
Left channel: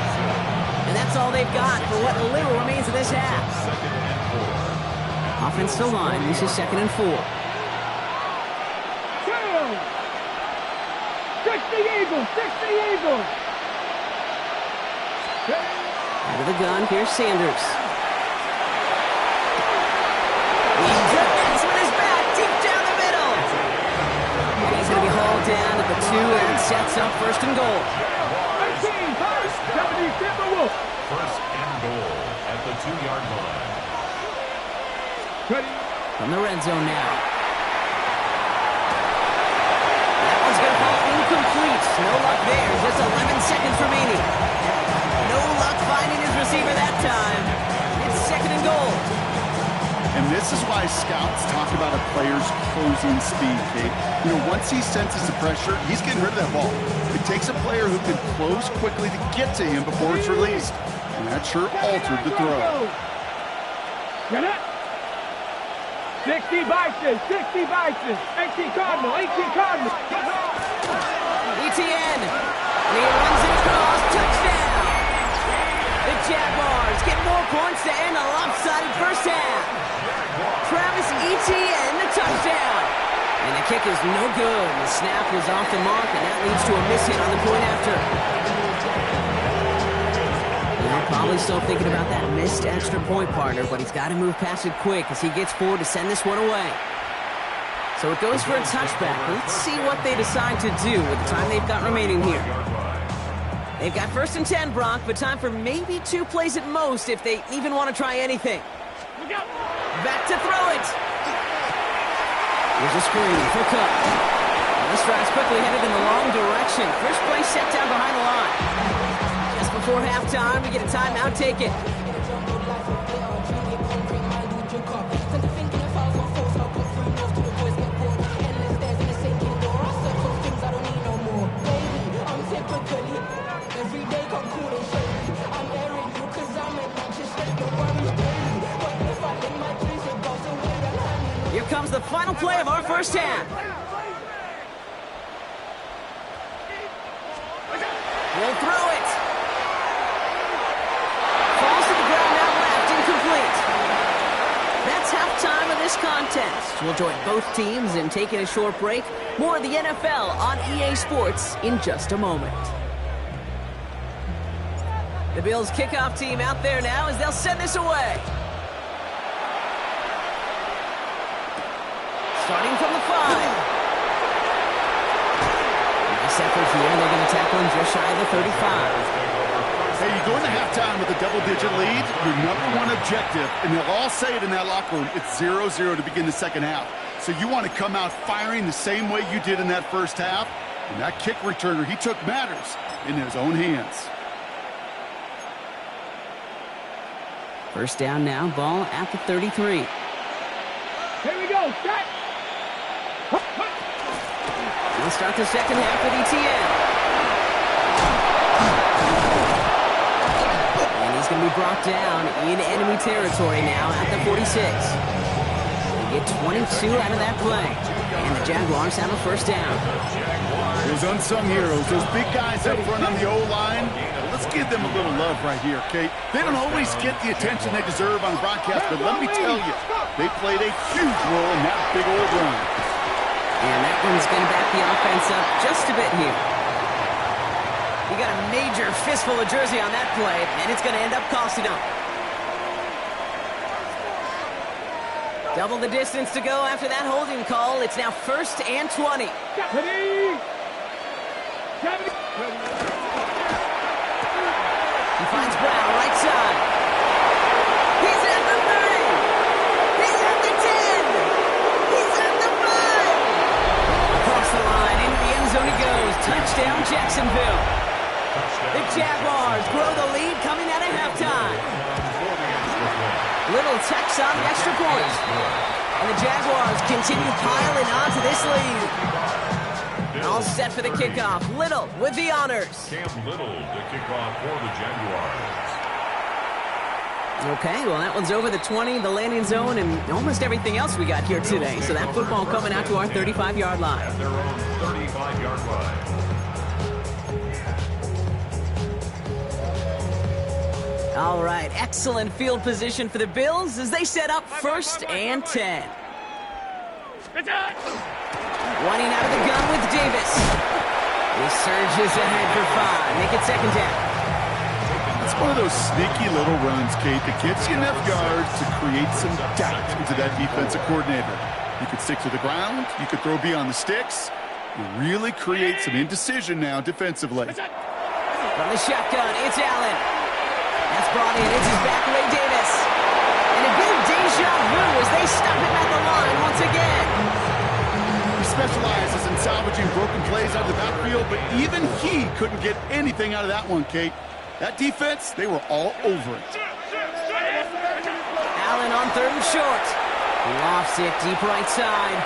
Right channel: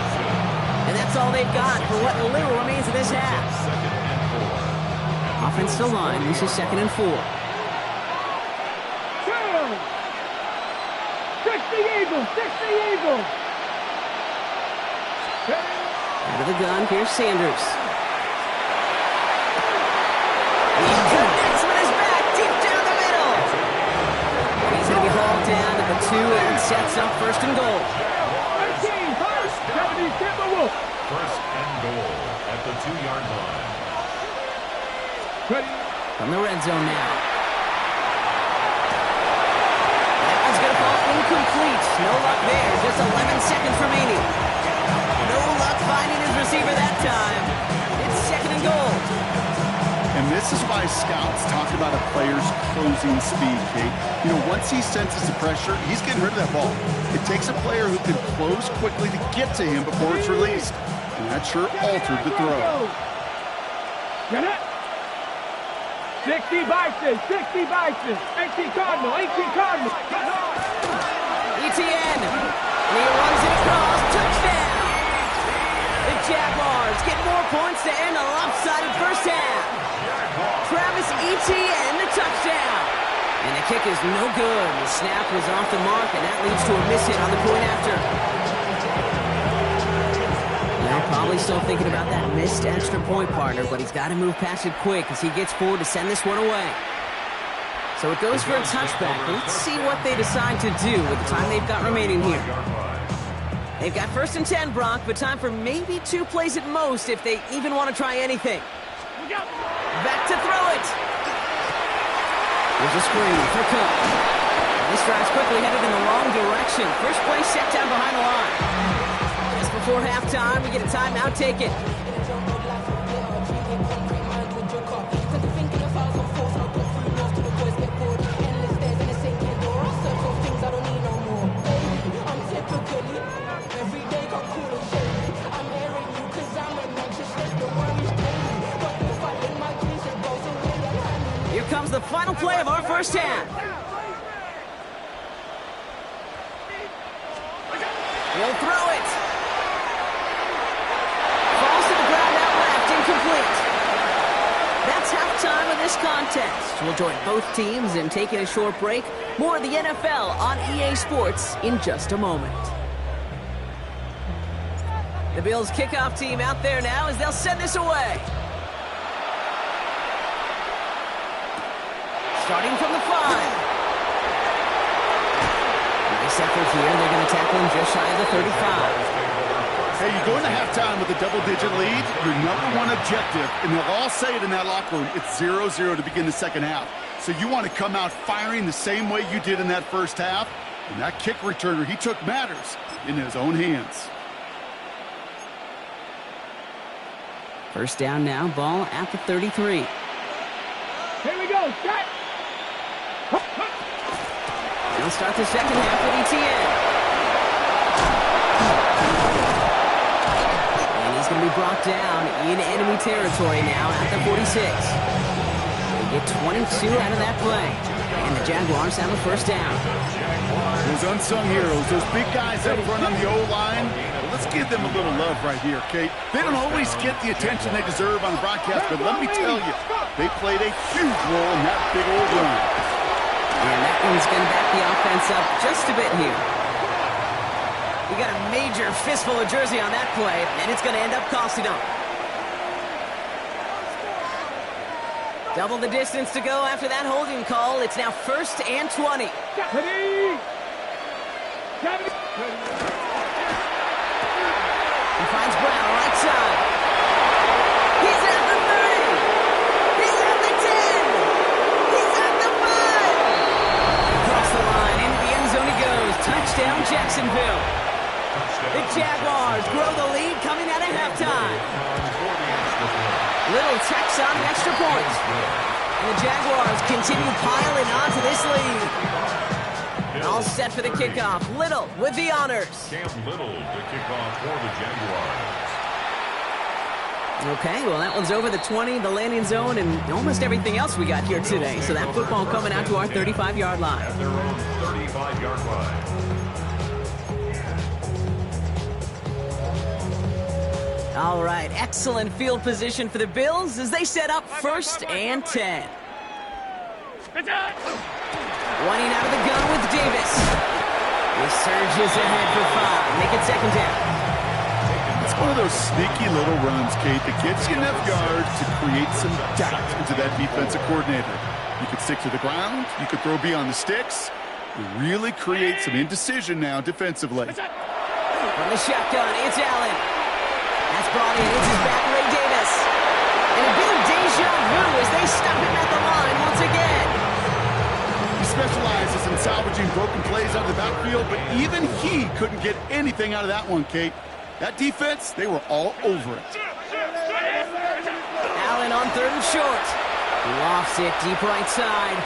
And that's all they've got for what little remains of this half. Offensive line, this is 2nd and 4. 60 Eagles. Out of the gun, here's Sanders. He connects with his back deep down the middle. And he's going to be hauled down at the 2 and sets up 1st and goal. 18, first and goal at the 2-yard line. From the red zone now. That one's going to fall incomplete. No luck there. Just 11 seconds remaining. No luck finding his receiver that time. It's 2nd and goal. And this is why scouts talk about a player's closing speed, Kate. You know, once he senses the pressure, he's getting rid of that ball. It takes a player who can close quickly to get to him before it's released. And that sure altered the throw. Get it? 60 Bison. 18 Cardinal. ETN. And he runs it across. Touchdown. The Jaguars get more points to end a lopsided first half. Travis Etienne, the touchdown. And the kick is no good. The snap was off the mark, and that leads to a miss hit on the point after. Now probably still thinking about that missed extra point, partner, but he's got to move past it quick as he gets forward to send this one away. So it goes for a touchback. Let's see what they decide to do with the time they've got remaining here. They've got 1st and 10, Brock, but time for maybe 2 plays at most if they even want to try anything. Back to throw it. Here's a screen for Cook. And this drive's quickly headed in the wrong direction. First play set down behind the line. Just before halftime, we get a timeout taken. Here comes the final play of our first half. He'll throw it. Falls to the ground out left, incomplete. That's halftime of this contest. We'll join both teams in taking a short break. More of the NFL on EA Sports in just a moment. The Bills kickoff team out there now as they'll send this away. Starting from the 5. Nice effort here. They're going to tackle him just shy of the 35. Hey, you go into halftime with a double-digit lead, your #1 objective, and they'll all say it in that locker room, it's 0-0 to begin the second half. So you want to come out firing the same way you did in that first half, and that kick returner, he took matters in his own hands. First down now, ball at the 33. Here we go, set. They'll start the second half with ETN. And he's going to be brought down in enemy territory now at the 46. They Get 22 out of that play. And the Jaguars have a first down. Those unsung heroes, those big guys up front on the O-line, well, let's give them a little love right here, Kate. They don't always get the attention they deserve on the broadcast, but let me tell you, they played a huge role in that big old run. And that one's going to back the offense up just a bit here. He got a major fistful of jersey on that play, and it's going to end up costing him. Double the distance to go after that holding call. It's now 1st and 20. He finds Brown, right side. He's at the 30. He's at the 10. He's at the 5. Across the line, into the end zone he goes. Touchdown, Jacksonville. The Jaguars grow the lead coming out of halftime. Little tax on the extra point. And the Jaguars continue piling on to this lead. All set for the kickoff. Little with the honors. Cam Little to kick off for the Jaguars. Okay, well, that one's over the 20, the landing zone, and almost everything else we got here today. So that football coming out to our 35-yard line. At their own 35-yard line. All right, excellent field position for the Bills as they set up 1st and 10. Running out of the gun with Davis. He surges ahead for 5. Make it 2nd down. It's one of those sneaky little runs, Kate, that gets you enough yards to create some doubt into that defensive coordinator. You could stick to the ground. You could throw beyond the sticks. You really create some indecision now defensively. From the shotgun, it's Allen. That's brought in. It's his back, Ray Davis. And a bit of deja vu as they stop him at the line once again. He specializes in salvaging broken plays out of the backfield, but even he couldn't get anything out of that one, Kate. That defense, they were all over it. Allen on 3rd and short. Lofts it deep right side.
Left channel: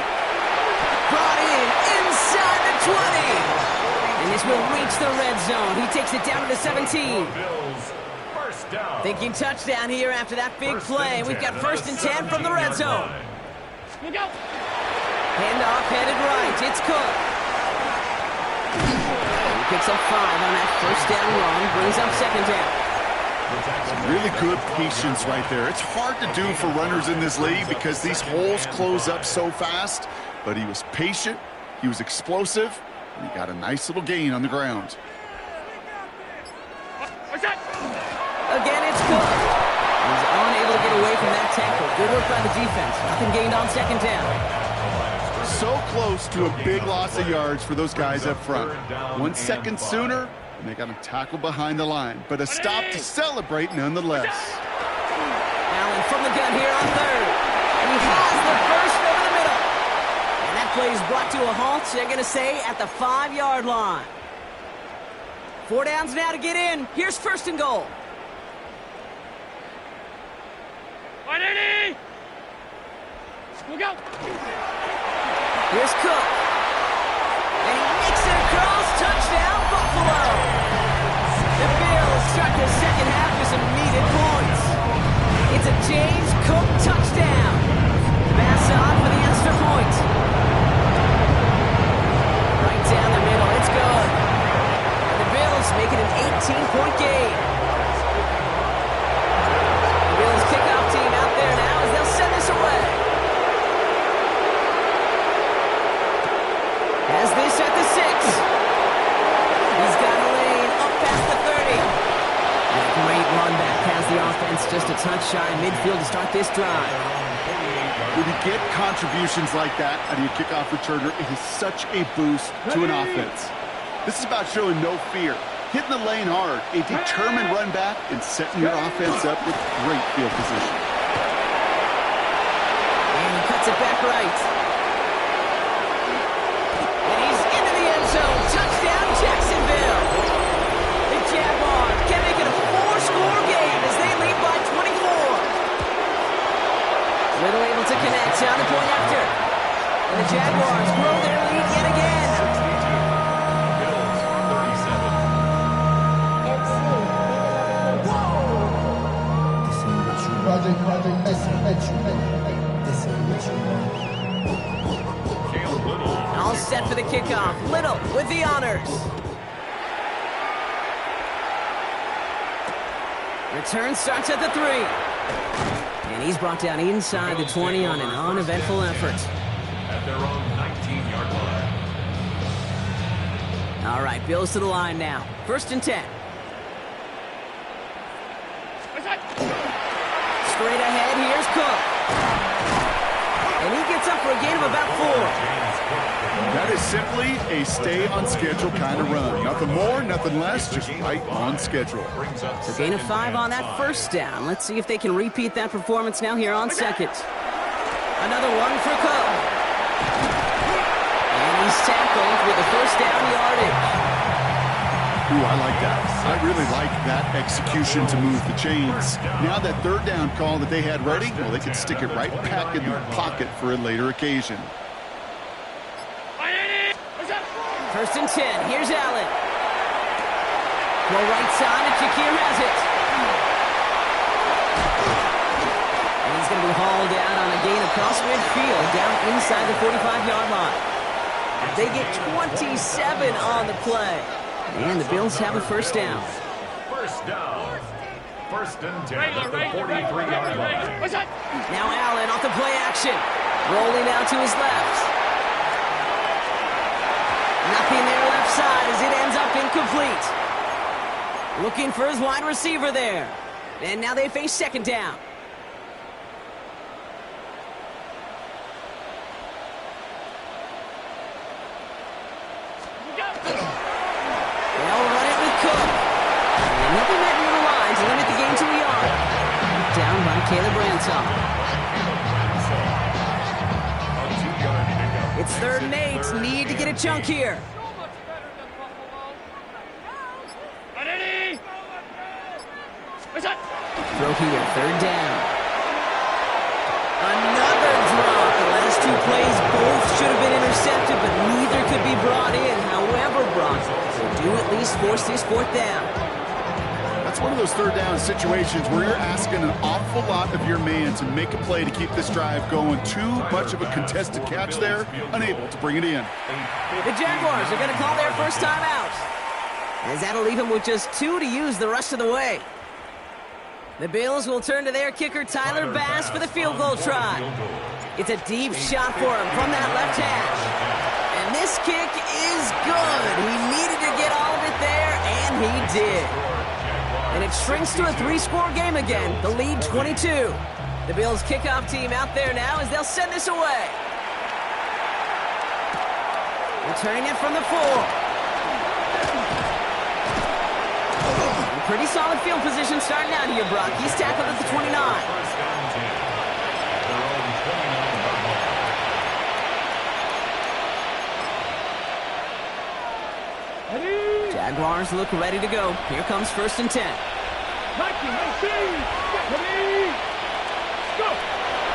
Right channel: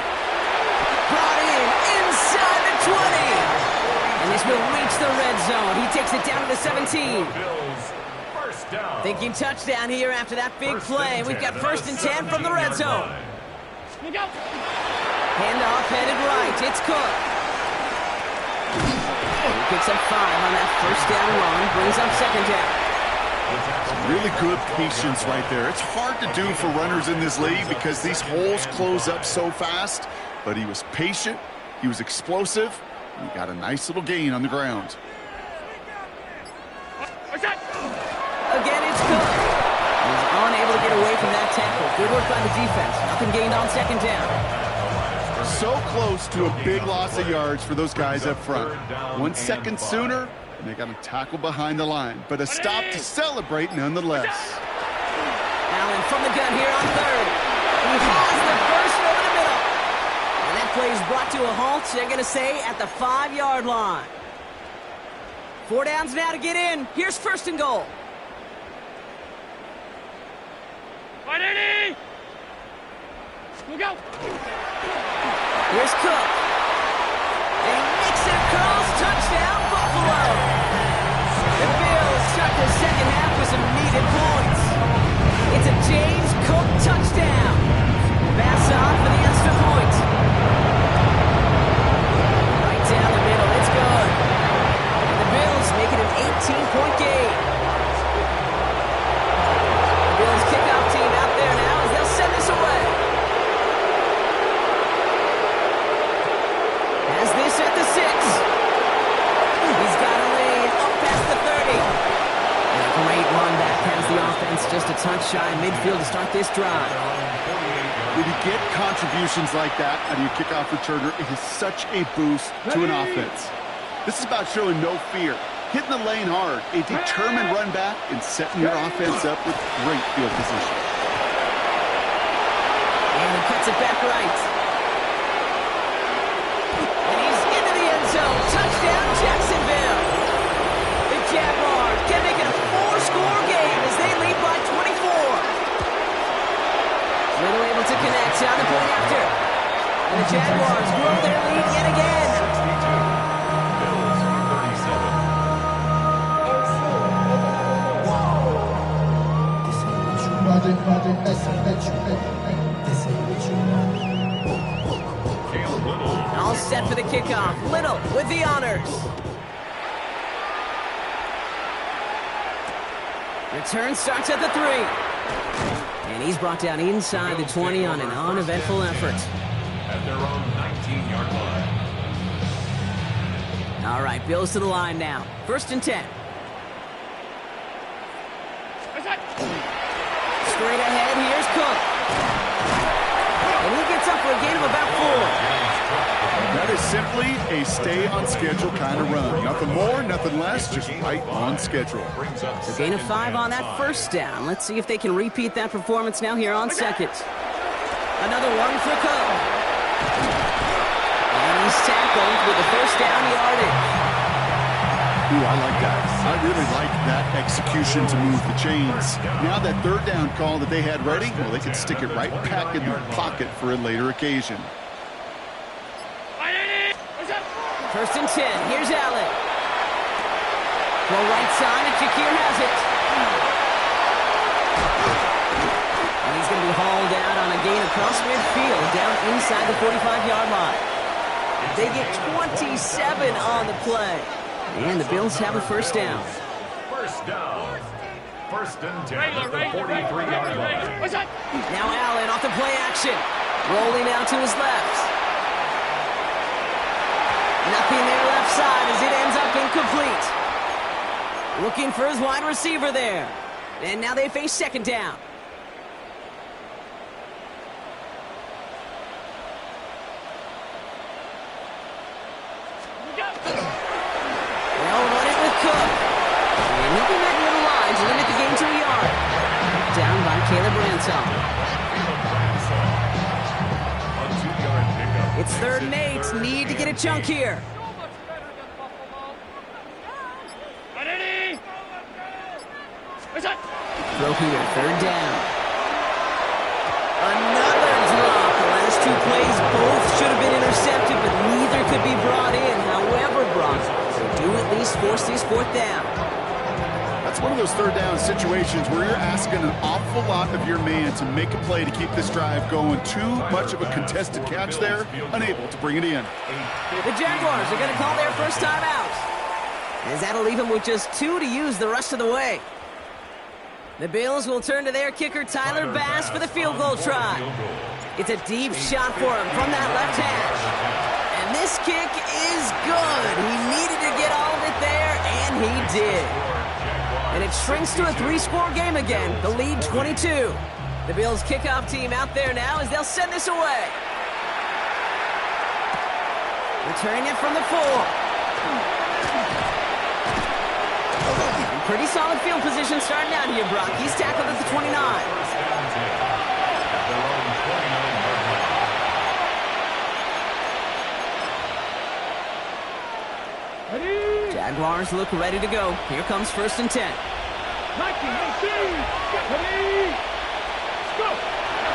Brought in inside the 20. And this will reach the red zone. He takes it down to the 17. Thinking touchdown here after that big play. We've got 1st and 10 from the red zone. Handoff headed right. It's Cook. He picks up 5 on that 1st down run. Brings up 2nd down. Some really good patience right there. It's hard to do for runners in this league because these holes close up so fast. But he was patient. He was explosive. And he got a nice little gain on the ground. Again, it's Cook. He's unable to get away from that tackle. Good work by the defense. Nothing gained on 2nd down. So close to a big loss of yards for those guys up front. 1 second sooner, and they got a tackle behind the line. But a stop to celebrate nonetheless. Allen from the gun here on 3rd. He has the first over the middle. And that play is brought to a halt, they're going to say, at the 5-yard line. 4 downs now to get in. Here's 1st and goal. Look out! Here's Cook. And he makes it across. Touchdown, Buffalo. The Bills start the 2nd half with some needed points. It's a James Cook touchdown. Pass on for the extra point. Right down the middle. It's good. And the Bills make it an 18-point game. The Bills kickoff team out there now as they'll send this away. Has this at the 6. He's got a lane up past the 30. And a great run back has the offense just a touch shy midfield to start this drive. When you get contributions like that out of your kickoff returner, it is such a boost to an offense. This is about showing no fear, hitting the lane hard, a determined run back, and setting your offense up with great field position. And he cuts it back right. And he's into the end zone. Touchdown, Jacksonville. The Jaguars can make it a 4-score game as they lead by 24. Little able to connect on the point after. And the Jaguars grow their lead yet again. 62. Bills 37. Project, this ain't what you want. set for the kickoff. Little with the honors. Return starts at the 3. And he's brought down inside the 20 on an uneventful effort. At their own 19-yard line. All right, Bills to the line now. 1st and 10. Straight ahead, here's Cook. And he gets up for a gain of about 4. That is simply a stay-on-schedule kind of run. Nothing more, nothing less, just right on schedule. So gain of 5 on that 1st down. Let's see if they can repeat that performance now here on 2nd. Another one for Cook. And he's tackled with the 1st down yardage. Ooh, I like that. I really like that execution to move the chains. Now that 3rd down call that they had ready, well, they can stick it right back in their pocket for a later occasion. 1st and 10. Here's Allen. Throw right side, and Shakir has it. And he's going to be hauled out on a gain across midfield, down inside the 45-yard line. They get 27 on the play. And the Bills have a 1st down. 1st down. 1st and 10 at the 43-yard line. Now Allen off the play action. Rolling out to his left. Nothing there left side as it ends up incomplete. Looking for his wide receiver there. And now they face 2nd down. They'll run it with Cook. And he'll be met near the line to limit the gain to a yard. Down by Caleb Ransom. It's 3rd and 8. Need to get a chunk here. Throw here, 3rd down. Another drop. The last 2 plays both should have been intercepted, but neither could be brought in. However, Brock, they do at least force this 4th down. That's one of those 3rd down situations where you're asking an awful lot of your man to make a play to keep this drive going. Too much of a contested catch there, unable to bring it in. The Jaguars are going to call their 1st time out, as that'll leave them with just 2 to use the rest of the way. The Bills will turn to their kicker, Tyler Bass, for the field goal try. It's a deep shot for him from that left hash. And this kick is good. He needed to get all of it there, and he did. And it shrinks to a 3-score game again, the lead 22. The Bills kickoff team out there now as they'll send this away. Returning it from the 4. Pretty solid field position starting out here, Brock. He's tackled at the 29. 1st and 10 at their own 29-yard line. Jaguars look ready to go. Here comes 1st and 10.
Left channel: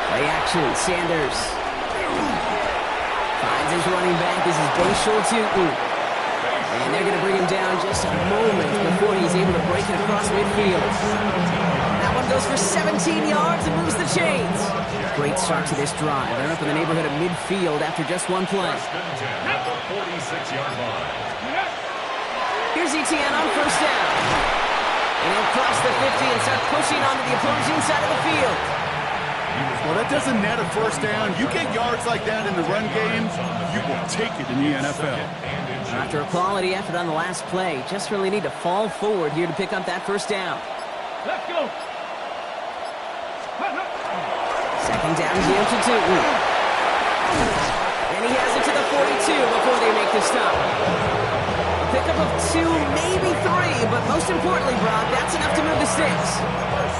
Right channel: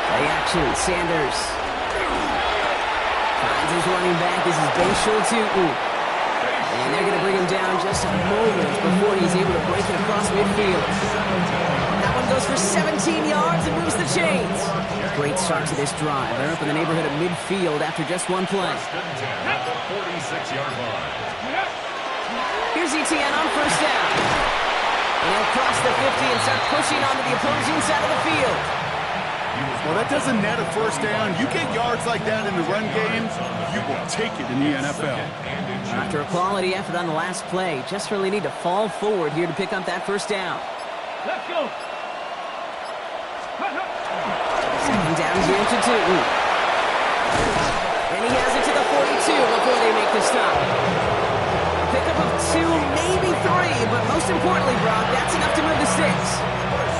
Play action, Sanders. Finds his running back. This is Gfssl Tootin. And they're going to bring him down just a moment before he's able to break it across midfield. That one goes for 17 yards and moves the chains. Great start to this drive. They're up in the neighborhood of midfield after just 1 play. 1st and 10 at the 46-yard line. Here's Etienne on 1st down. And he'll cross the 50 and start pushing onto the opposing side of the field. Well, that doesn't net a 1st down. You get yards like that in the run game, you will take it in the NFL. After a quality effort on the last play, just really need to fall forward here to pick up that 1st down. Let's go. 2nd down, give to Tootin. And he has it to the 42 before they make the stop. A pickup of 2, maybe 3, but most importantly, Brock, that's enough to move the sticks.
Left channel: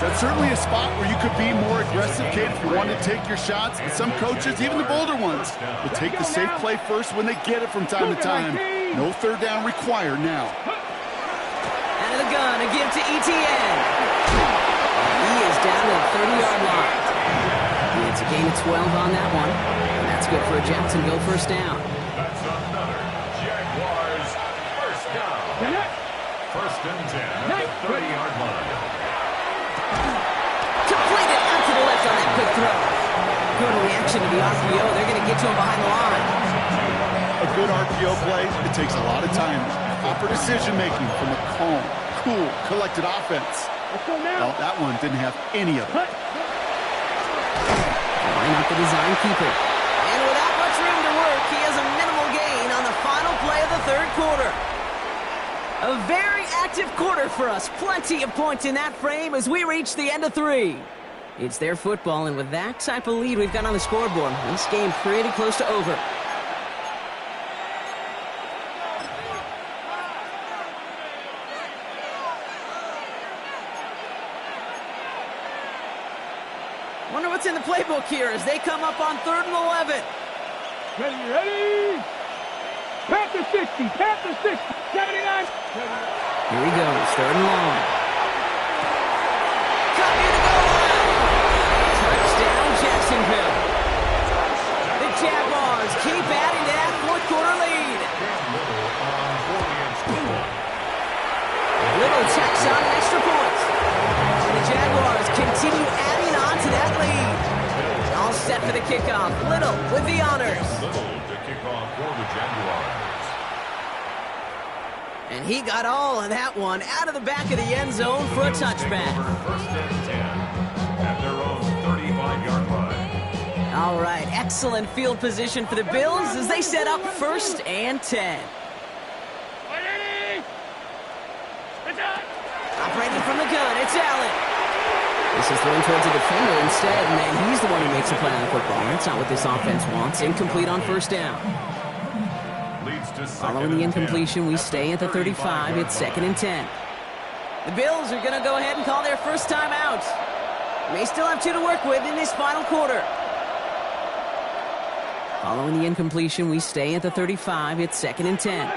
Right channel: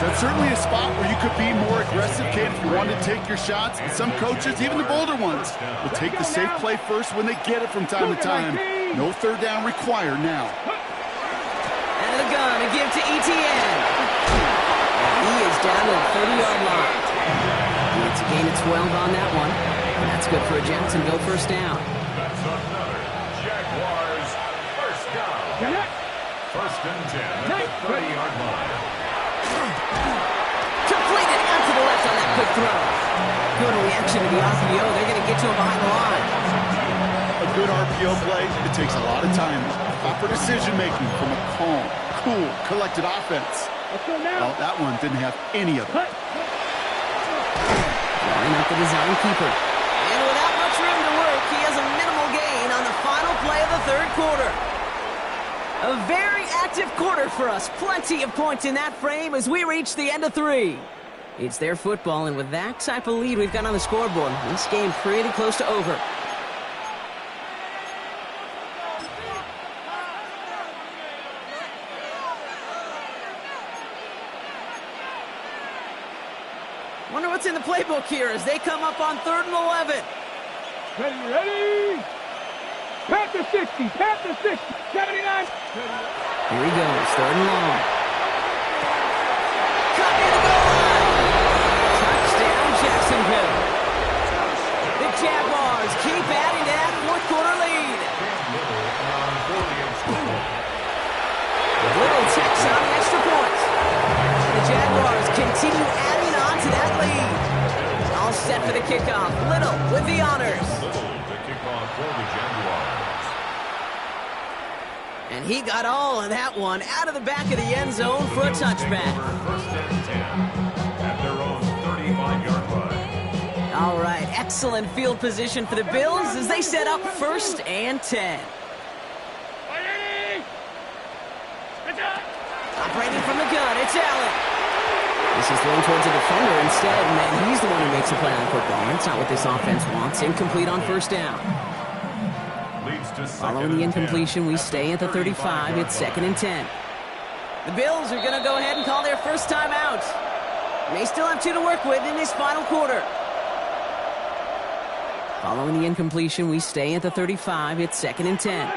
That's certainly a spot where you could be more aggressive, kid, if you want to take your shots. But some coaches, even the bolder ones, will take the safe play first when they get it from time to time. No 3rd down required now. Out of the gun, a give to Etienne. And he is down to the 30-yard line. And it's a gain of 12 on that one. And that's good for a Jacksonville 1st down. That's another Jaguars 1st down. 1st and 10 at the 30-yard line. Completed out to the left on that quick throw. Good reaction to the RPO. They're going to get to him behind the line. A good RPO play, it takes a lot of time. Proper decision-making from a calm, cool, collected offense. Let's go now. Well, that one didn't have any of it. Cut. Line up the design keeper. And without much room to work, he has a minimal gain on the final play of the third quarter. A very active quarter for us. Plenty of points in that frame as we reach the end of 3. It's their football, and with that type of lead we've got on the scoreboard, this game pretty close to over. Wonder what's in the playbook here as they come up on 3rd and 11. Ready. Panther 60, Panther 60, 79. Here he goes, 3rd and long. Cut near the goal line. Touchdown, Jacksonville. The Jaguars keep adding to that fourth quarter lead. Little tacks on the extra points. And the Jaguars continue adding on to that lead. All set for the kickoff. Little with the honors. Little to kick off for the Jaguars. And he got all of that one out of the back of the end zone for a touchback. First and 10 at their own 35-yard line. All right, excellent field position for the Bills as they set up 1st and 10. Operating from the gun, it's Allen. This is thrown towards a defender instead, and he's the one who makes a play on football. That's not what this offense wants. Incomplete on 1st down. Following the incompletion, we stay at the 35. It's 2nd and 10. The Bills are going to go ahead and call their first timeout. May still have 2 to work with in this final quarter. Following the incompletion, we stay at the 35. It's 2nd and 10.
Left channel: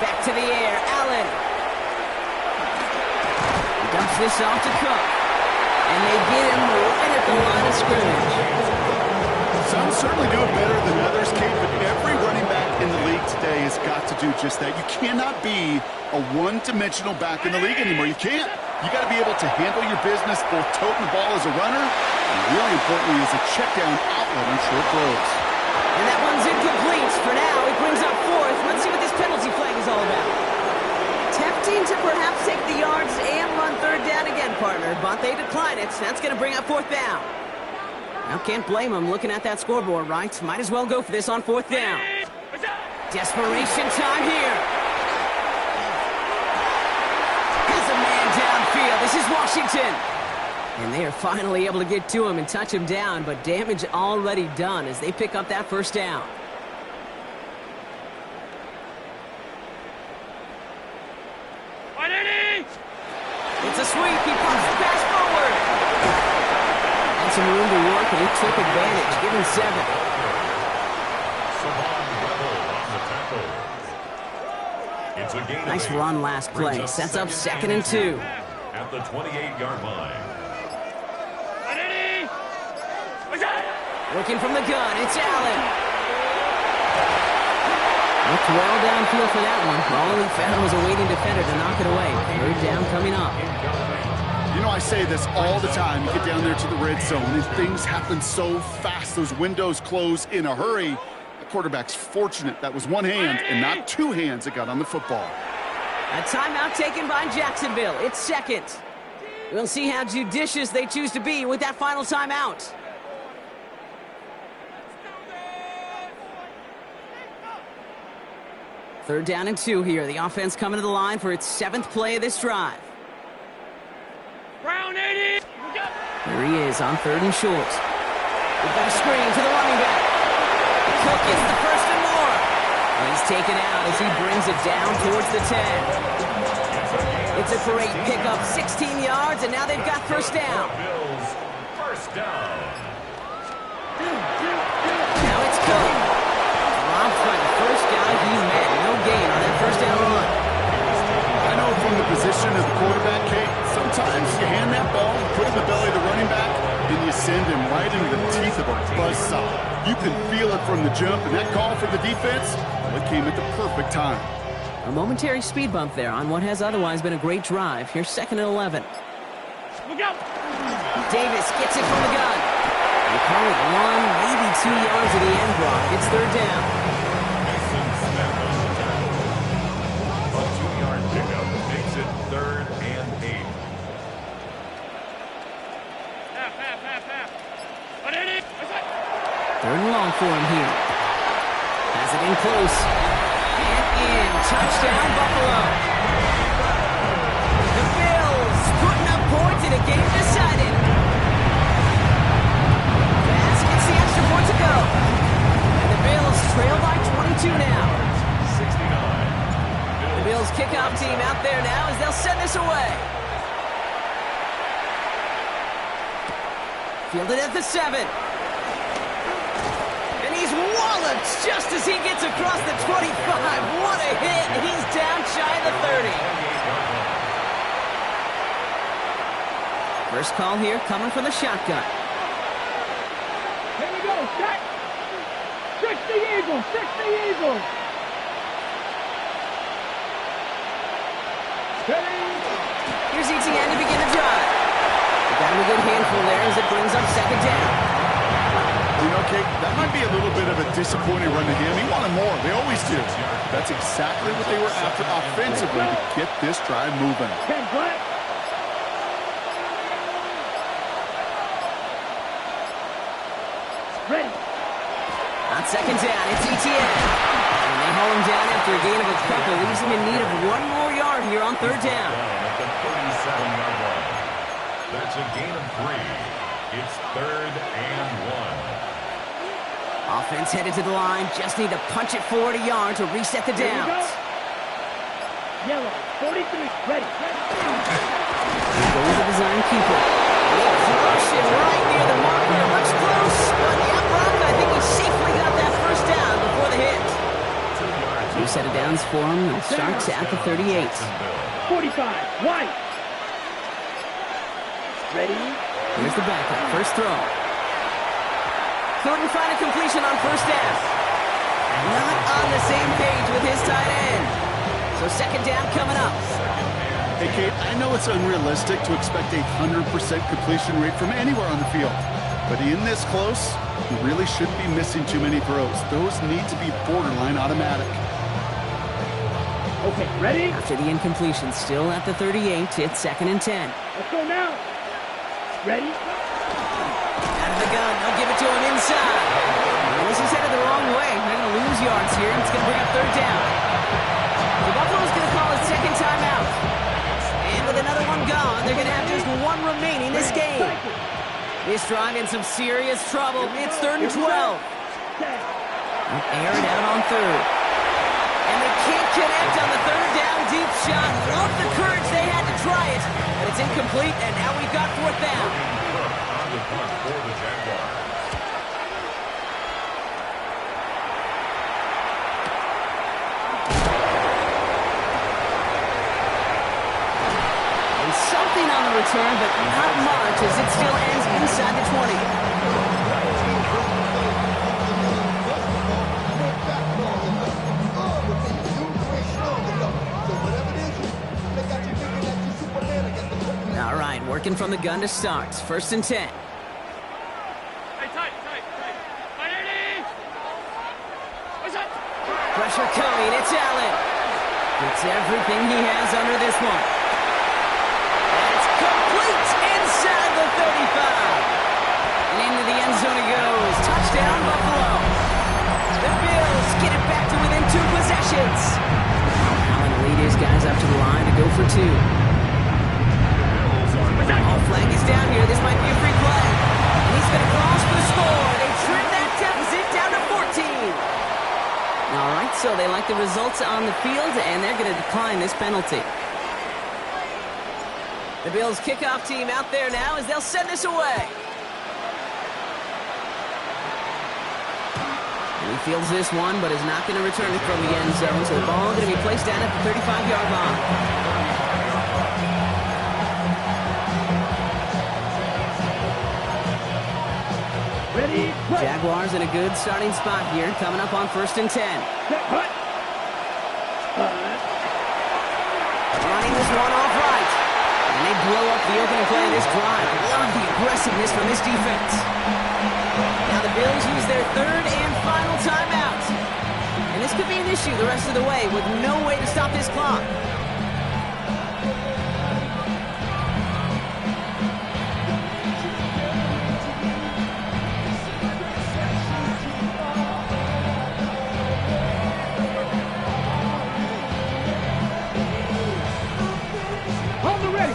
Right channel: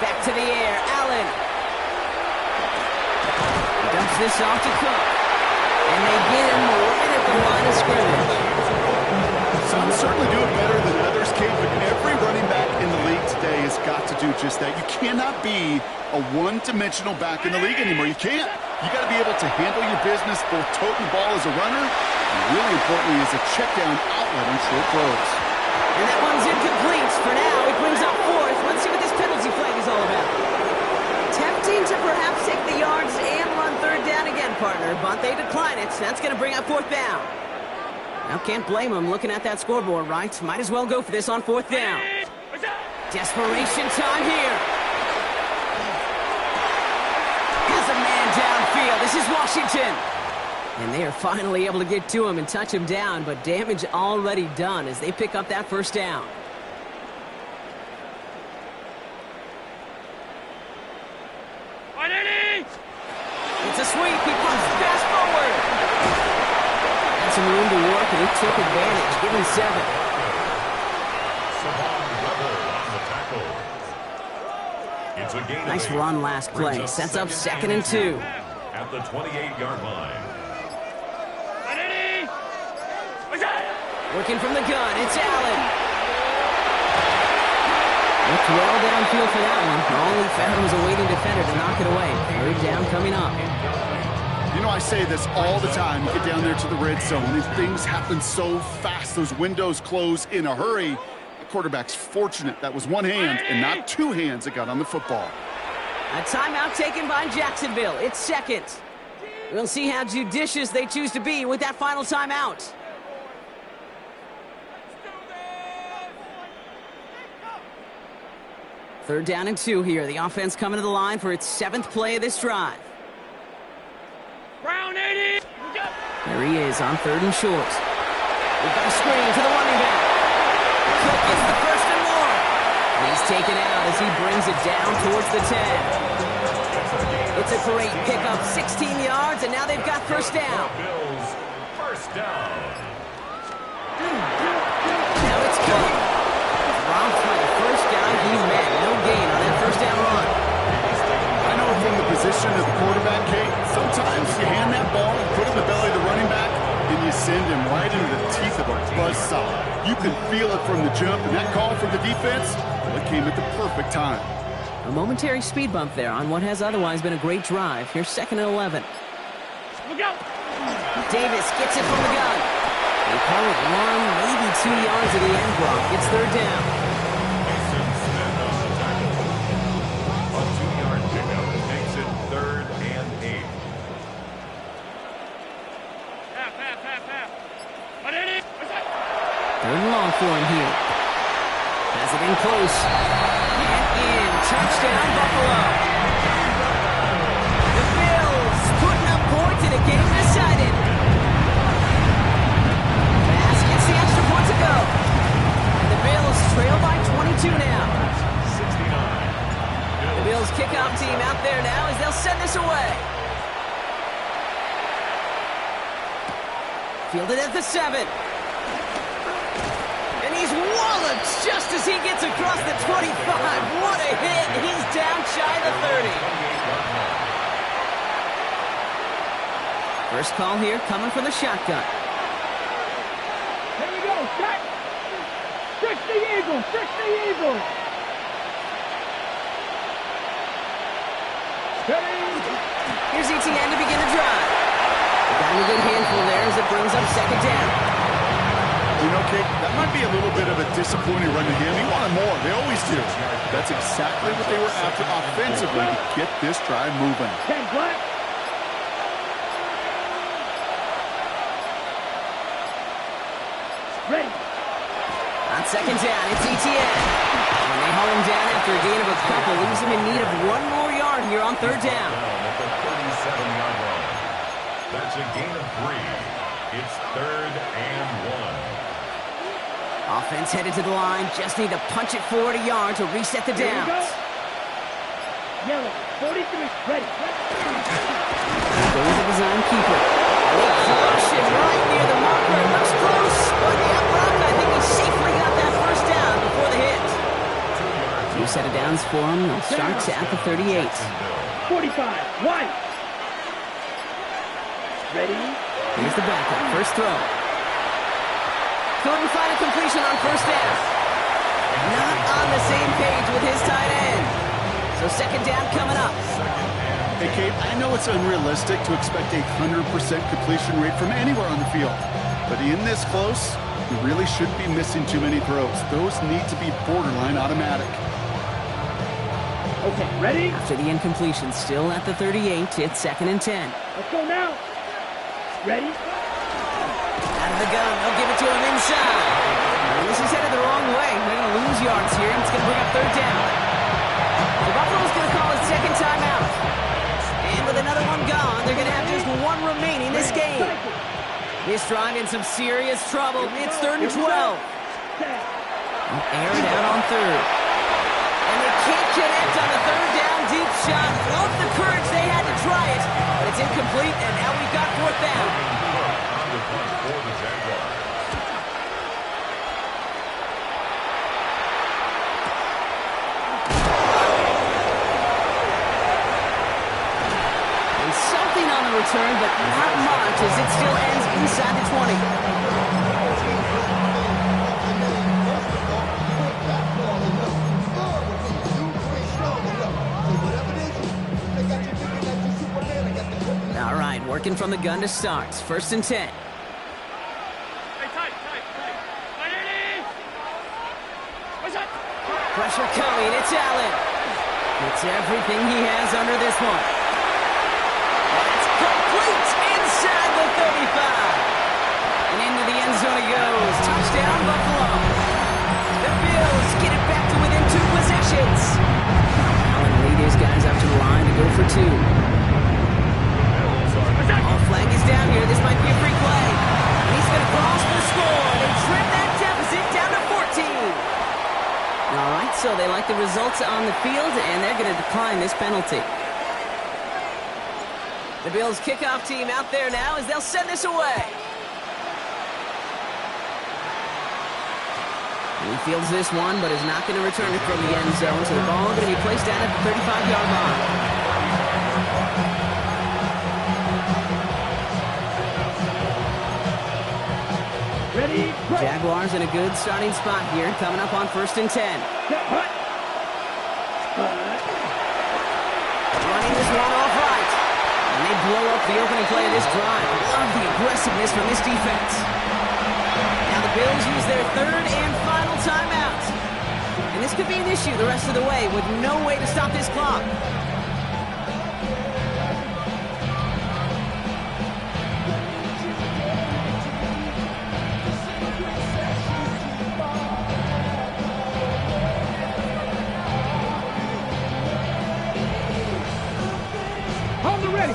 Back to the air, Allen. He dumps this off to Cook. And they get him right at the line of scrimmage. Some certainly do it better than others, Kate, but every running back in the league today has got to do just that. You cannot be a one-dimensional back in the league anymore. You can't. You got to be able to handle your business, both toting the ball as a runner, and really importantly as a check-down outlet on short throws. And that one's incomplete for now. It brings up 4th. Let's see what this penalty flag is all about. Tempting to perhaps take the yards and run 3rd down again, partner, but they decline it. So that's going to bring up 4th down. Now, can't blame them looking at that scoreboard, right? Might as well go for this on 4th down. Desperation time here. Has a man downfield. This is Washington. And they are finally able to get to him and touch him down, but damage already done as they pick up that 1st down. It's a sweep. He pumps the pass forward. Had some room to work, and he took advantage, giving 7. It's a gain. Nice run last play. Sets up 2nd and 2. At the 28-yard line. Working from the gun, it's Allen. Looked well downfield for that one. All he found was a waiting defender to knock it away. 3rd down coming up. You know, I say this all the time. You get down there to the red zone, and things happen so fast. Those windows close in a hurry. The quarterback's fortunate that was one hand and not 2 hands that got on the football. A timeout taken by Jacksonville. It's 2nd. We'll see how judicious they choose to be with that final timeout. Third down and 2 here. The offense coming to the line for its 7th play of this drive. Brown 80. Here he is on 3rd and short. We've got a screen to the running back. Cook gets the 1st and more. And he's taken out as he brings it down towards the 10. It's a great pickup, 16 yards, and now they've got 1st down. Bills, 1st down. Now it's Cook. Dropped by the first guy he met. No gain on that 1st down run. I know from the position of the quarterback, Kate, sometimes you hand that ball, you put it in the belly of the running back, and you send him right into the teeth of a buzzsaw. You can feel it from the jump, and that call for the defense, well, it came at the perfect time. A momentary speed bump there on what has otherwise been a great drive. Here's 2nd and 11. Davis gets it from the gun. They call it 1, maybe 2 yards at the end, Brock. It's third down. Mason Smith on the tackle. A 2-yard pickup makes it 3rd and 8. Half. Third and long for him here. Has it in close. And in. Touchdown, Buffalo. The Bills putting up points in a game decided. Bass gets the extra point to go. And the Bills trail by 22 now. 69. The Bills kickoff team out there now as they'll send this away. Fielded at the 7. And he's walloped just as he gets across the 25. What a hit. He's down shy of the 30. First call here coming from the shotgun. Here we go. Set. 60 Eagles. 60 Eagles. Here's ETN to begin the drive. They got him a good handful there as it brings up second down. You know, Kate, that might be a little bit of a disappointing run to him. He wanted more. They always do. That's exactly what they were after offensively to get this drive moving. 10 black. Ready. On second down, it's ETN. And they haul him down after a gain of a couple. Leaves him in need of 1 more yard here on third down. At the 37-yard line. That's a gain of 3. It's 3rd and 1. Offense headed to the line. Just need to punch it forward a yard to reset the downs. Yellow, 43. Ready. Go with the design keeper. They crush him right near the marker. It looks close, but yeah, Brock, I think he safely got that first down before the hit. 2 set of downs for him. They'll start at the 38. 45. White. Ready. Here's the backup. First throw. Couldn't find a completion on first down. Not on the same page with his tight end. So second down coming up. Hey, Kate, I know it's unrealistic to expect a 100% completion rate from anywhere on the field. But in this close, you really shouldn't be missing too many throws. Those need to be borderline automatic. Okay, ready? After the incompletion, still at the 38, it's 2nd and 10. Let's go now. Ready? Out of the gun, they'll give it to him inside. And this is headed the wrong way. They're going to lose yards here, and it's going to bring up third down. So Buffalo's going to call his second timeout. And with another one gone, they're going to have just 1 remaining this game. This drive in some serious trouble. It's 3rd and 12. They'll air it out on 3rd. And they can't connect on the 3rd down deep shot. Love the courage they had to try it, but it's incomplete, and now we've got 4th down. On the punt for the Jaguars. And something on the return, but not much, as it still ends inside the 20. All right, working from the gun to start. 1st and 10. Hey, tight. What's up? Pressure coming. It's Allen. Gets everything he has under this one. That's complete inside the 35. And into the end zone it goes. Touchdown, Buffalo. The Bills get it back to within 2 possessions. Now Allen will lead his guys up to the line to go for 2. All flag is down here. This might be a free play. And he's going to cross for the score. They trim that deficit down to 14. All right, so they like the results on the field, and they're going to decline this penalty. The Bills kickoff team out there now as they'll send this away. And he fields this one, but is not going to return it from the end zone. So the ball going to be placed down at the 35-yard line. Ready? Jaguars in a good starting spot here, coming up on 1st and 10. Running this one off right. And they blow up the opening play of this drive. Love the aggressiveness from this defense. Now the Bills use their third and final timeout. And this could be an issue the rest of the way with no way to stop this clock.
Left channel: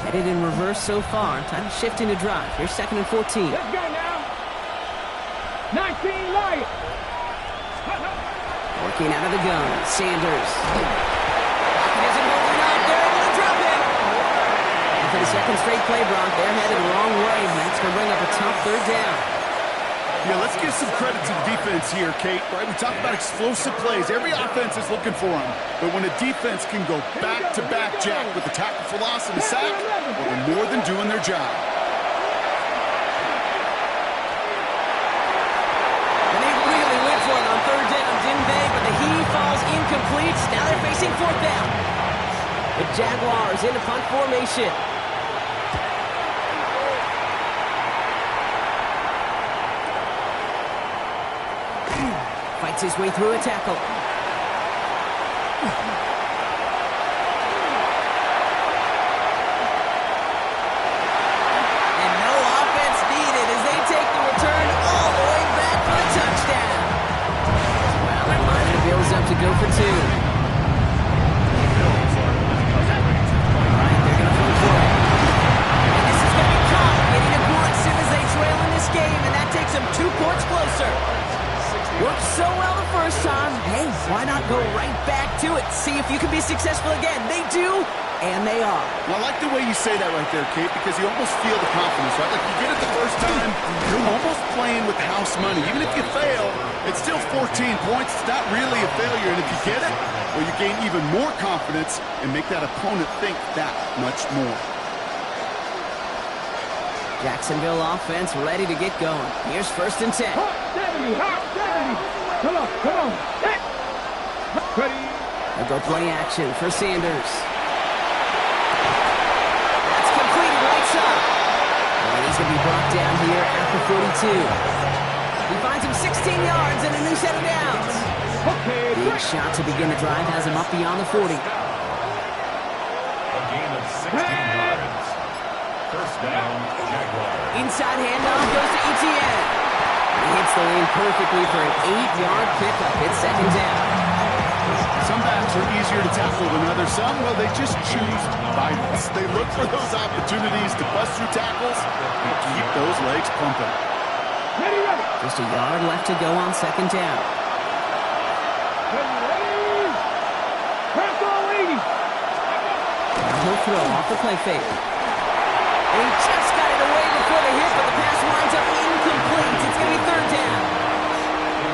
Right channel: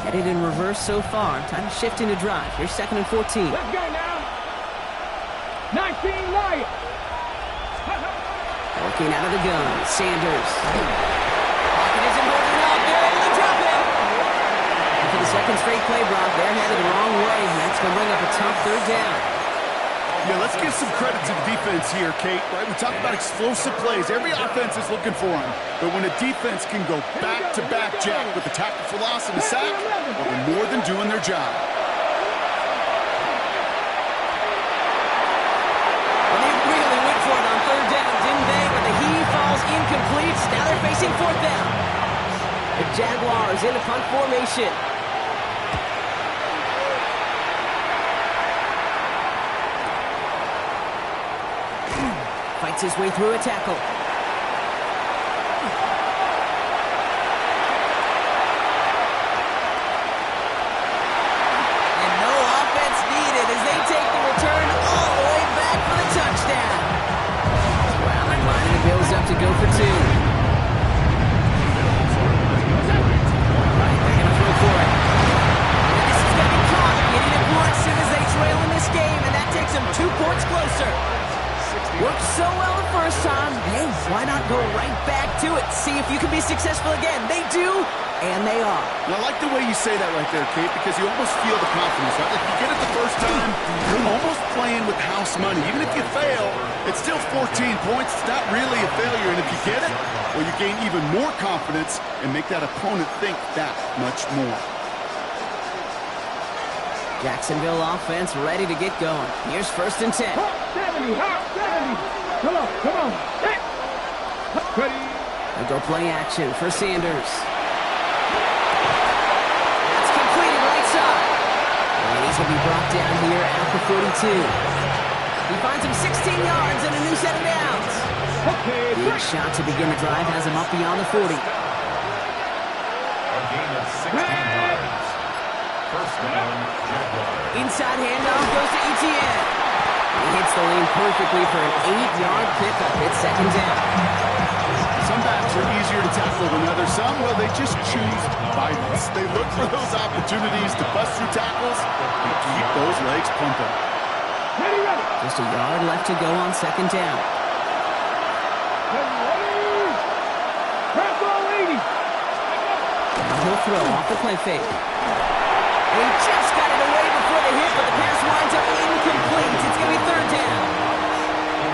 Headed in reverse so far. Time to shift into drive. Here's 2nd and 14. Let's go now. 19 Lions. Working out of the gun. Sanders. Pocket isn't holding up. They're able to drop it. And for the second straight play, Brock, they're headed the wrong way. And that's going to bring up a tough third down. Yeah, let's give some credit to the defense here, Kate. Right? We talk about explosive plays. Every offense is looking for them. But when a defense can go back-to-back, Jack, with the tackle for loss and a sack, well, they're more than doing their job. And they really went for it on third down, didn't they? But the heave falls incomplete. Now they're facing fourth down. The Jaguars in a punt formation. Fights his way through a tackle. And no offense needed as they take the return all the way back for the touchdown. Wow, and lining the Bills up to go for two. All right, they're going to throw for it. And this is going to be caught, getting aggressive as they trail in this game, and that takes them 2 points closer. Worked so well the first time. Hey, why not go right back to it? See if you can be successful again. They do, and they are. And I like the way you say that right there, Kate, because you almost feel the confidence, right? Like, you get it the first time, you're almost playing with house money. Even if you fail, it's still 14 points. It's not really a failure. And if you get it, well, you gain even more confidence and make that opponent think that much more. Jacksonville offense ready to get going. Here's 1st and 10. Hot 70, hot 70. Come on. Hey. Ready. They'll go play action for Sanders. That's completed right side. And he's going to be brought down here at the 42. He finds him 16 yards and a new set of downs. Okay. Big shot to begin the drive has him up beyond the 40. A gain of 16 yards. 1st down, Jaguars. Inside handoff goes to Etienne. He hits the lane perfectly for an 8-yard pickup. It's 2nd down. Some backs are easier to tackle than others. Some, well, they just choose violence. They look for those opportunities to bust through tackles and keep those legs pumping. Ready. Just a yard left to go on 2nd down. Ready. Crack all 80. Now he'll throw off the play fake. And he just got it away before the hit, but the pass winds up incomplete. It's going to be 3rd down.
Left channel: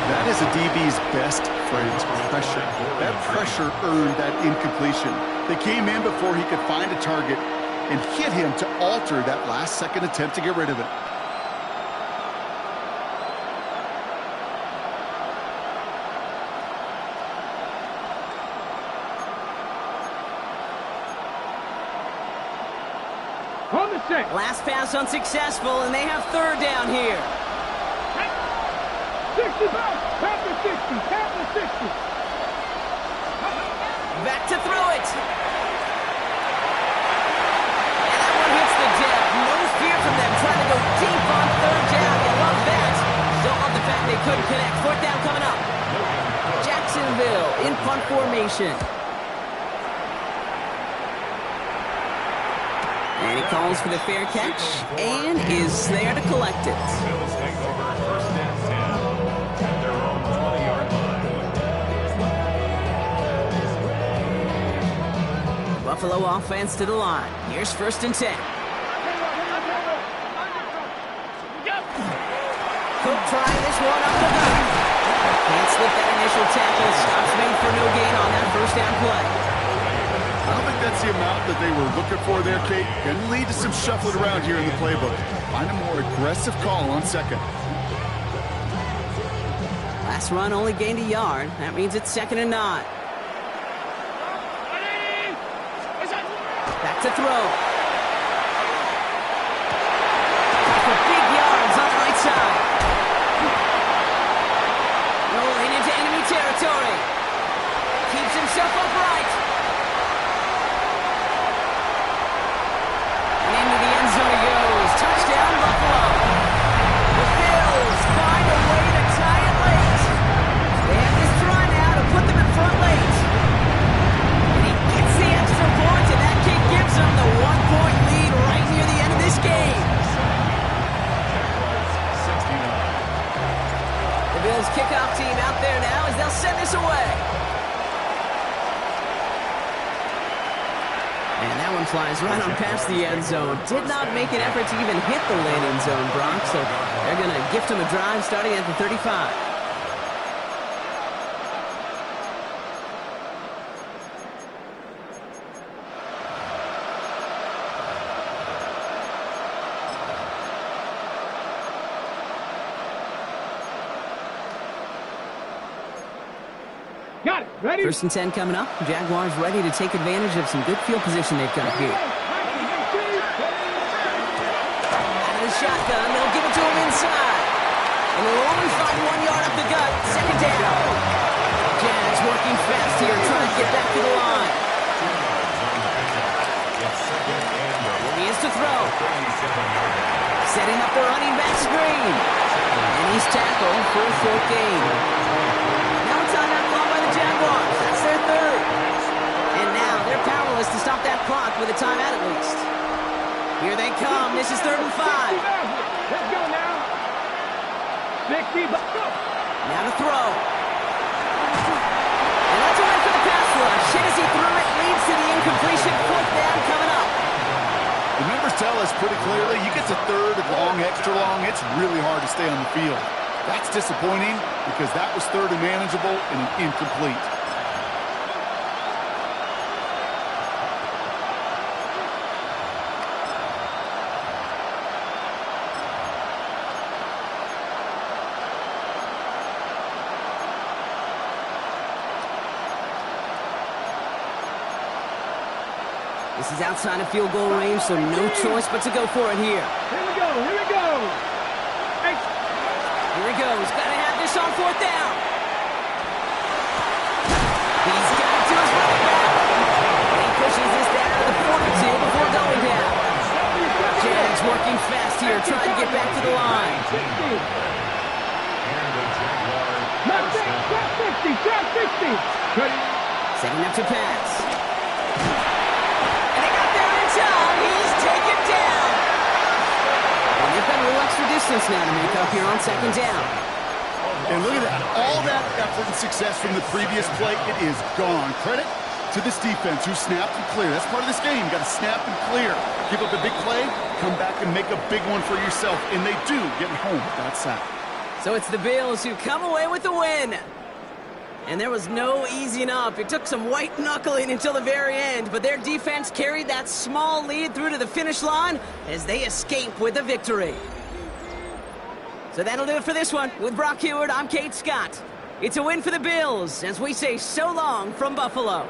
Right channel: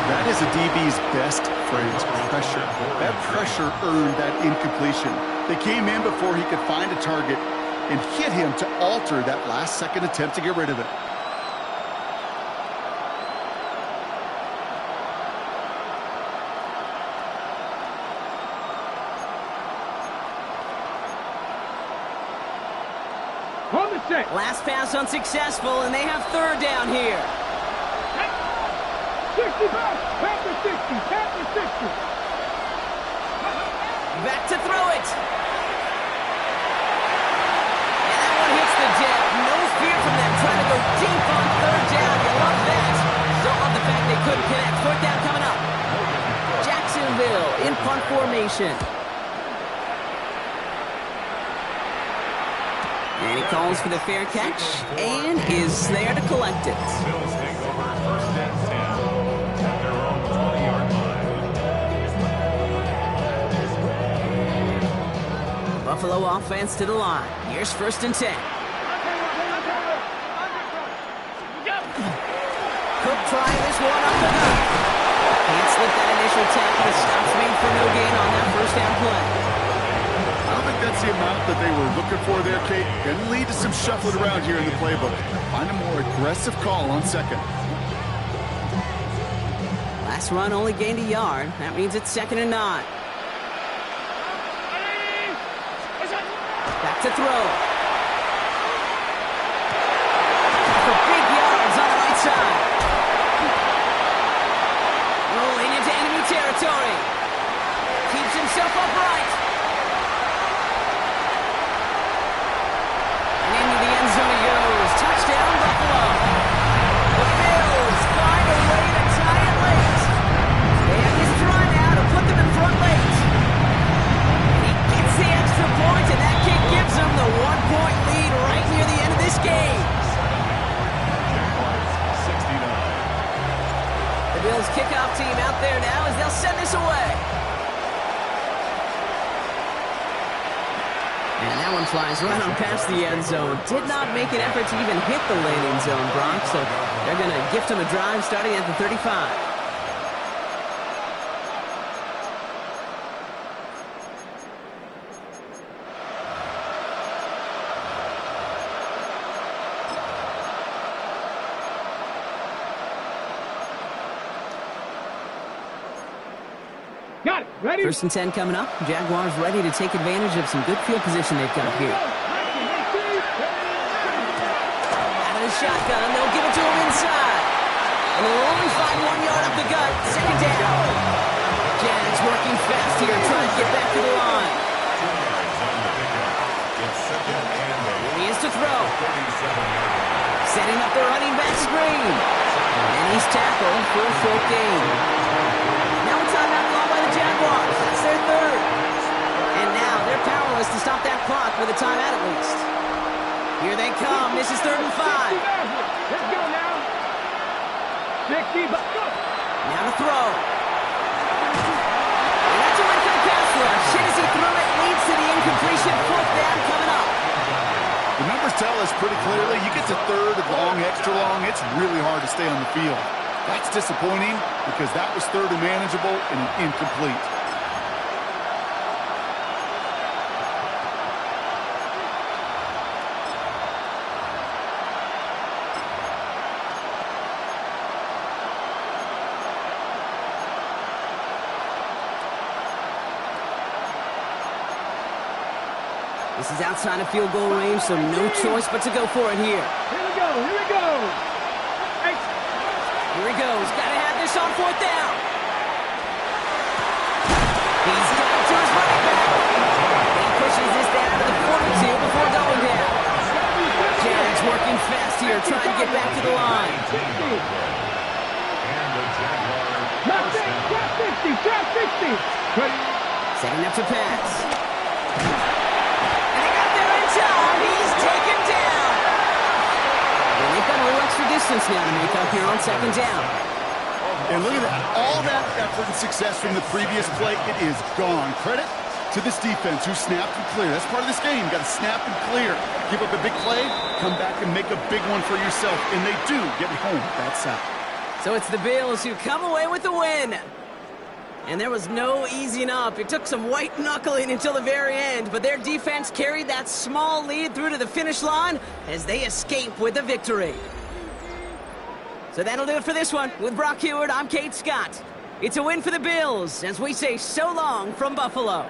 That is a DB's best friend's pressure. That pressure earned that incompletion. They came in before he could find a target and hit him to alter that last-second attempt to get rid of it. On the set. Last pass unsuccessful, and they have 3rd down here. 60 back. Panther 60. Panther 60. Back to throw it. And that one hits the deck. No fear from them trying to go deep on 3rd down. You love that. Don't love the fact they couldn't connect. 4th down coming up. Jacksonville in punt formation. And he calls for the fair catch and is there to collect it. Bills take over 1st and 10 at their own 20-yard line. Buffalo offense to the line. Here's 1st and 10. Cook trying this one up the gut. Can't slip that initial tackle. Stops made for no gain on that 1st down play. I don't think that's the amount that they were looking for there, Kate. Going to lead to some shuffling around here in the playbook. Find a more aggressive call on 2nd. Last run only gained a yard. That means it's 2nd and 9. Back to throw. himself upright. And into the end zone he goes. Touchdown, Buffalo. The Bills find a way to tie it late. They have this try now to put them in front late. And he gets the extra point, and that kick gives them the 1-point lead right near the end of this game. Jaguars 69. The Bills kickoff team out there now as they'll send this away. And that one flies right on past the end zone. Did not make an effort to even hit the landing zone, Brock. So they're going to gift him a drive starting at the 35. Got it. Ready? 1st and 10 coming up. Jaguars ready to take advantage of some good field position they've got here. Out of the shotgun, they'll give it to him inside. And they'll only find 1 yard up the gut. 2nd down. Jags working fast here, trying to get back to the line. 2 yards on the pickup. It's 2nd and 8. Here he is to throw. 37-yard line. Setting up the running back screen. And he's tackled for a 4th gain. Now a timeout called by the Jaguars. That's their 3rd. And now they're powerless to stop that clock with a timeout at least. Here they come. This is 3rd and 5. Let's go now. 60. Let's go. Now to throw. And that's a win for the pass rush. Hit as he threw it leads to the incompletion. 4th down coming up. The numbers tell us pretty clearly, you get to 3rd and long, extra long, it's really hard to stay on the field. That's disappointing because that was 3rd and manageable and an incomplete. This is outside of field goal range, so no choice but to go for it here. Here we go. Here we go. Hey. Here he goes. Got to have this on 4th down. He's got it to his running back. He pushes this down to the 42 before going down. Jags working fast here, trying to get back to the line. And the Jaguar Trap first down. 50. Trap 50. Ready? Setting up to pass. And they got there in time. He's taken down. And they've got a little extra distance now to make up here on 2nd down. And look at that. All that effort and success from the previous play, it is gone. Credit to this defense who snapped and cleared. That's part of this game. You got to snap and clear. Give up a big play, come back and make a big one for yourself. And they do get home with that sack. So it's the Bills who come away with the win. And there was no easing up. It took some white knuckling until the very end, but their defense carried that small lead through to the finish line as they escape with the victory. So that'll do it for this one. With Brock Heward, I'm Kate Scott. It's a win for the Bills as we say so long from Buffalo.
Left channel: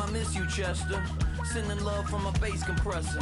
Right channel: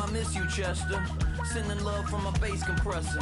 I miss you, Chester. Sending love from a bass compressor.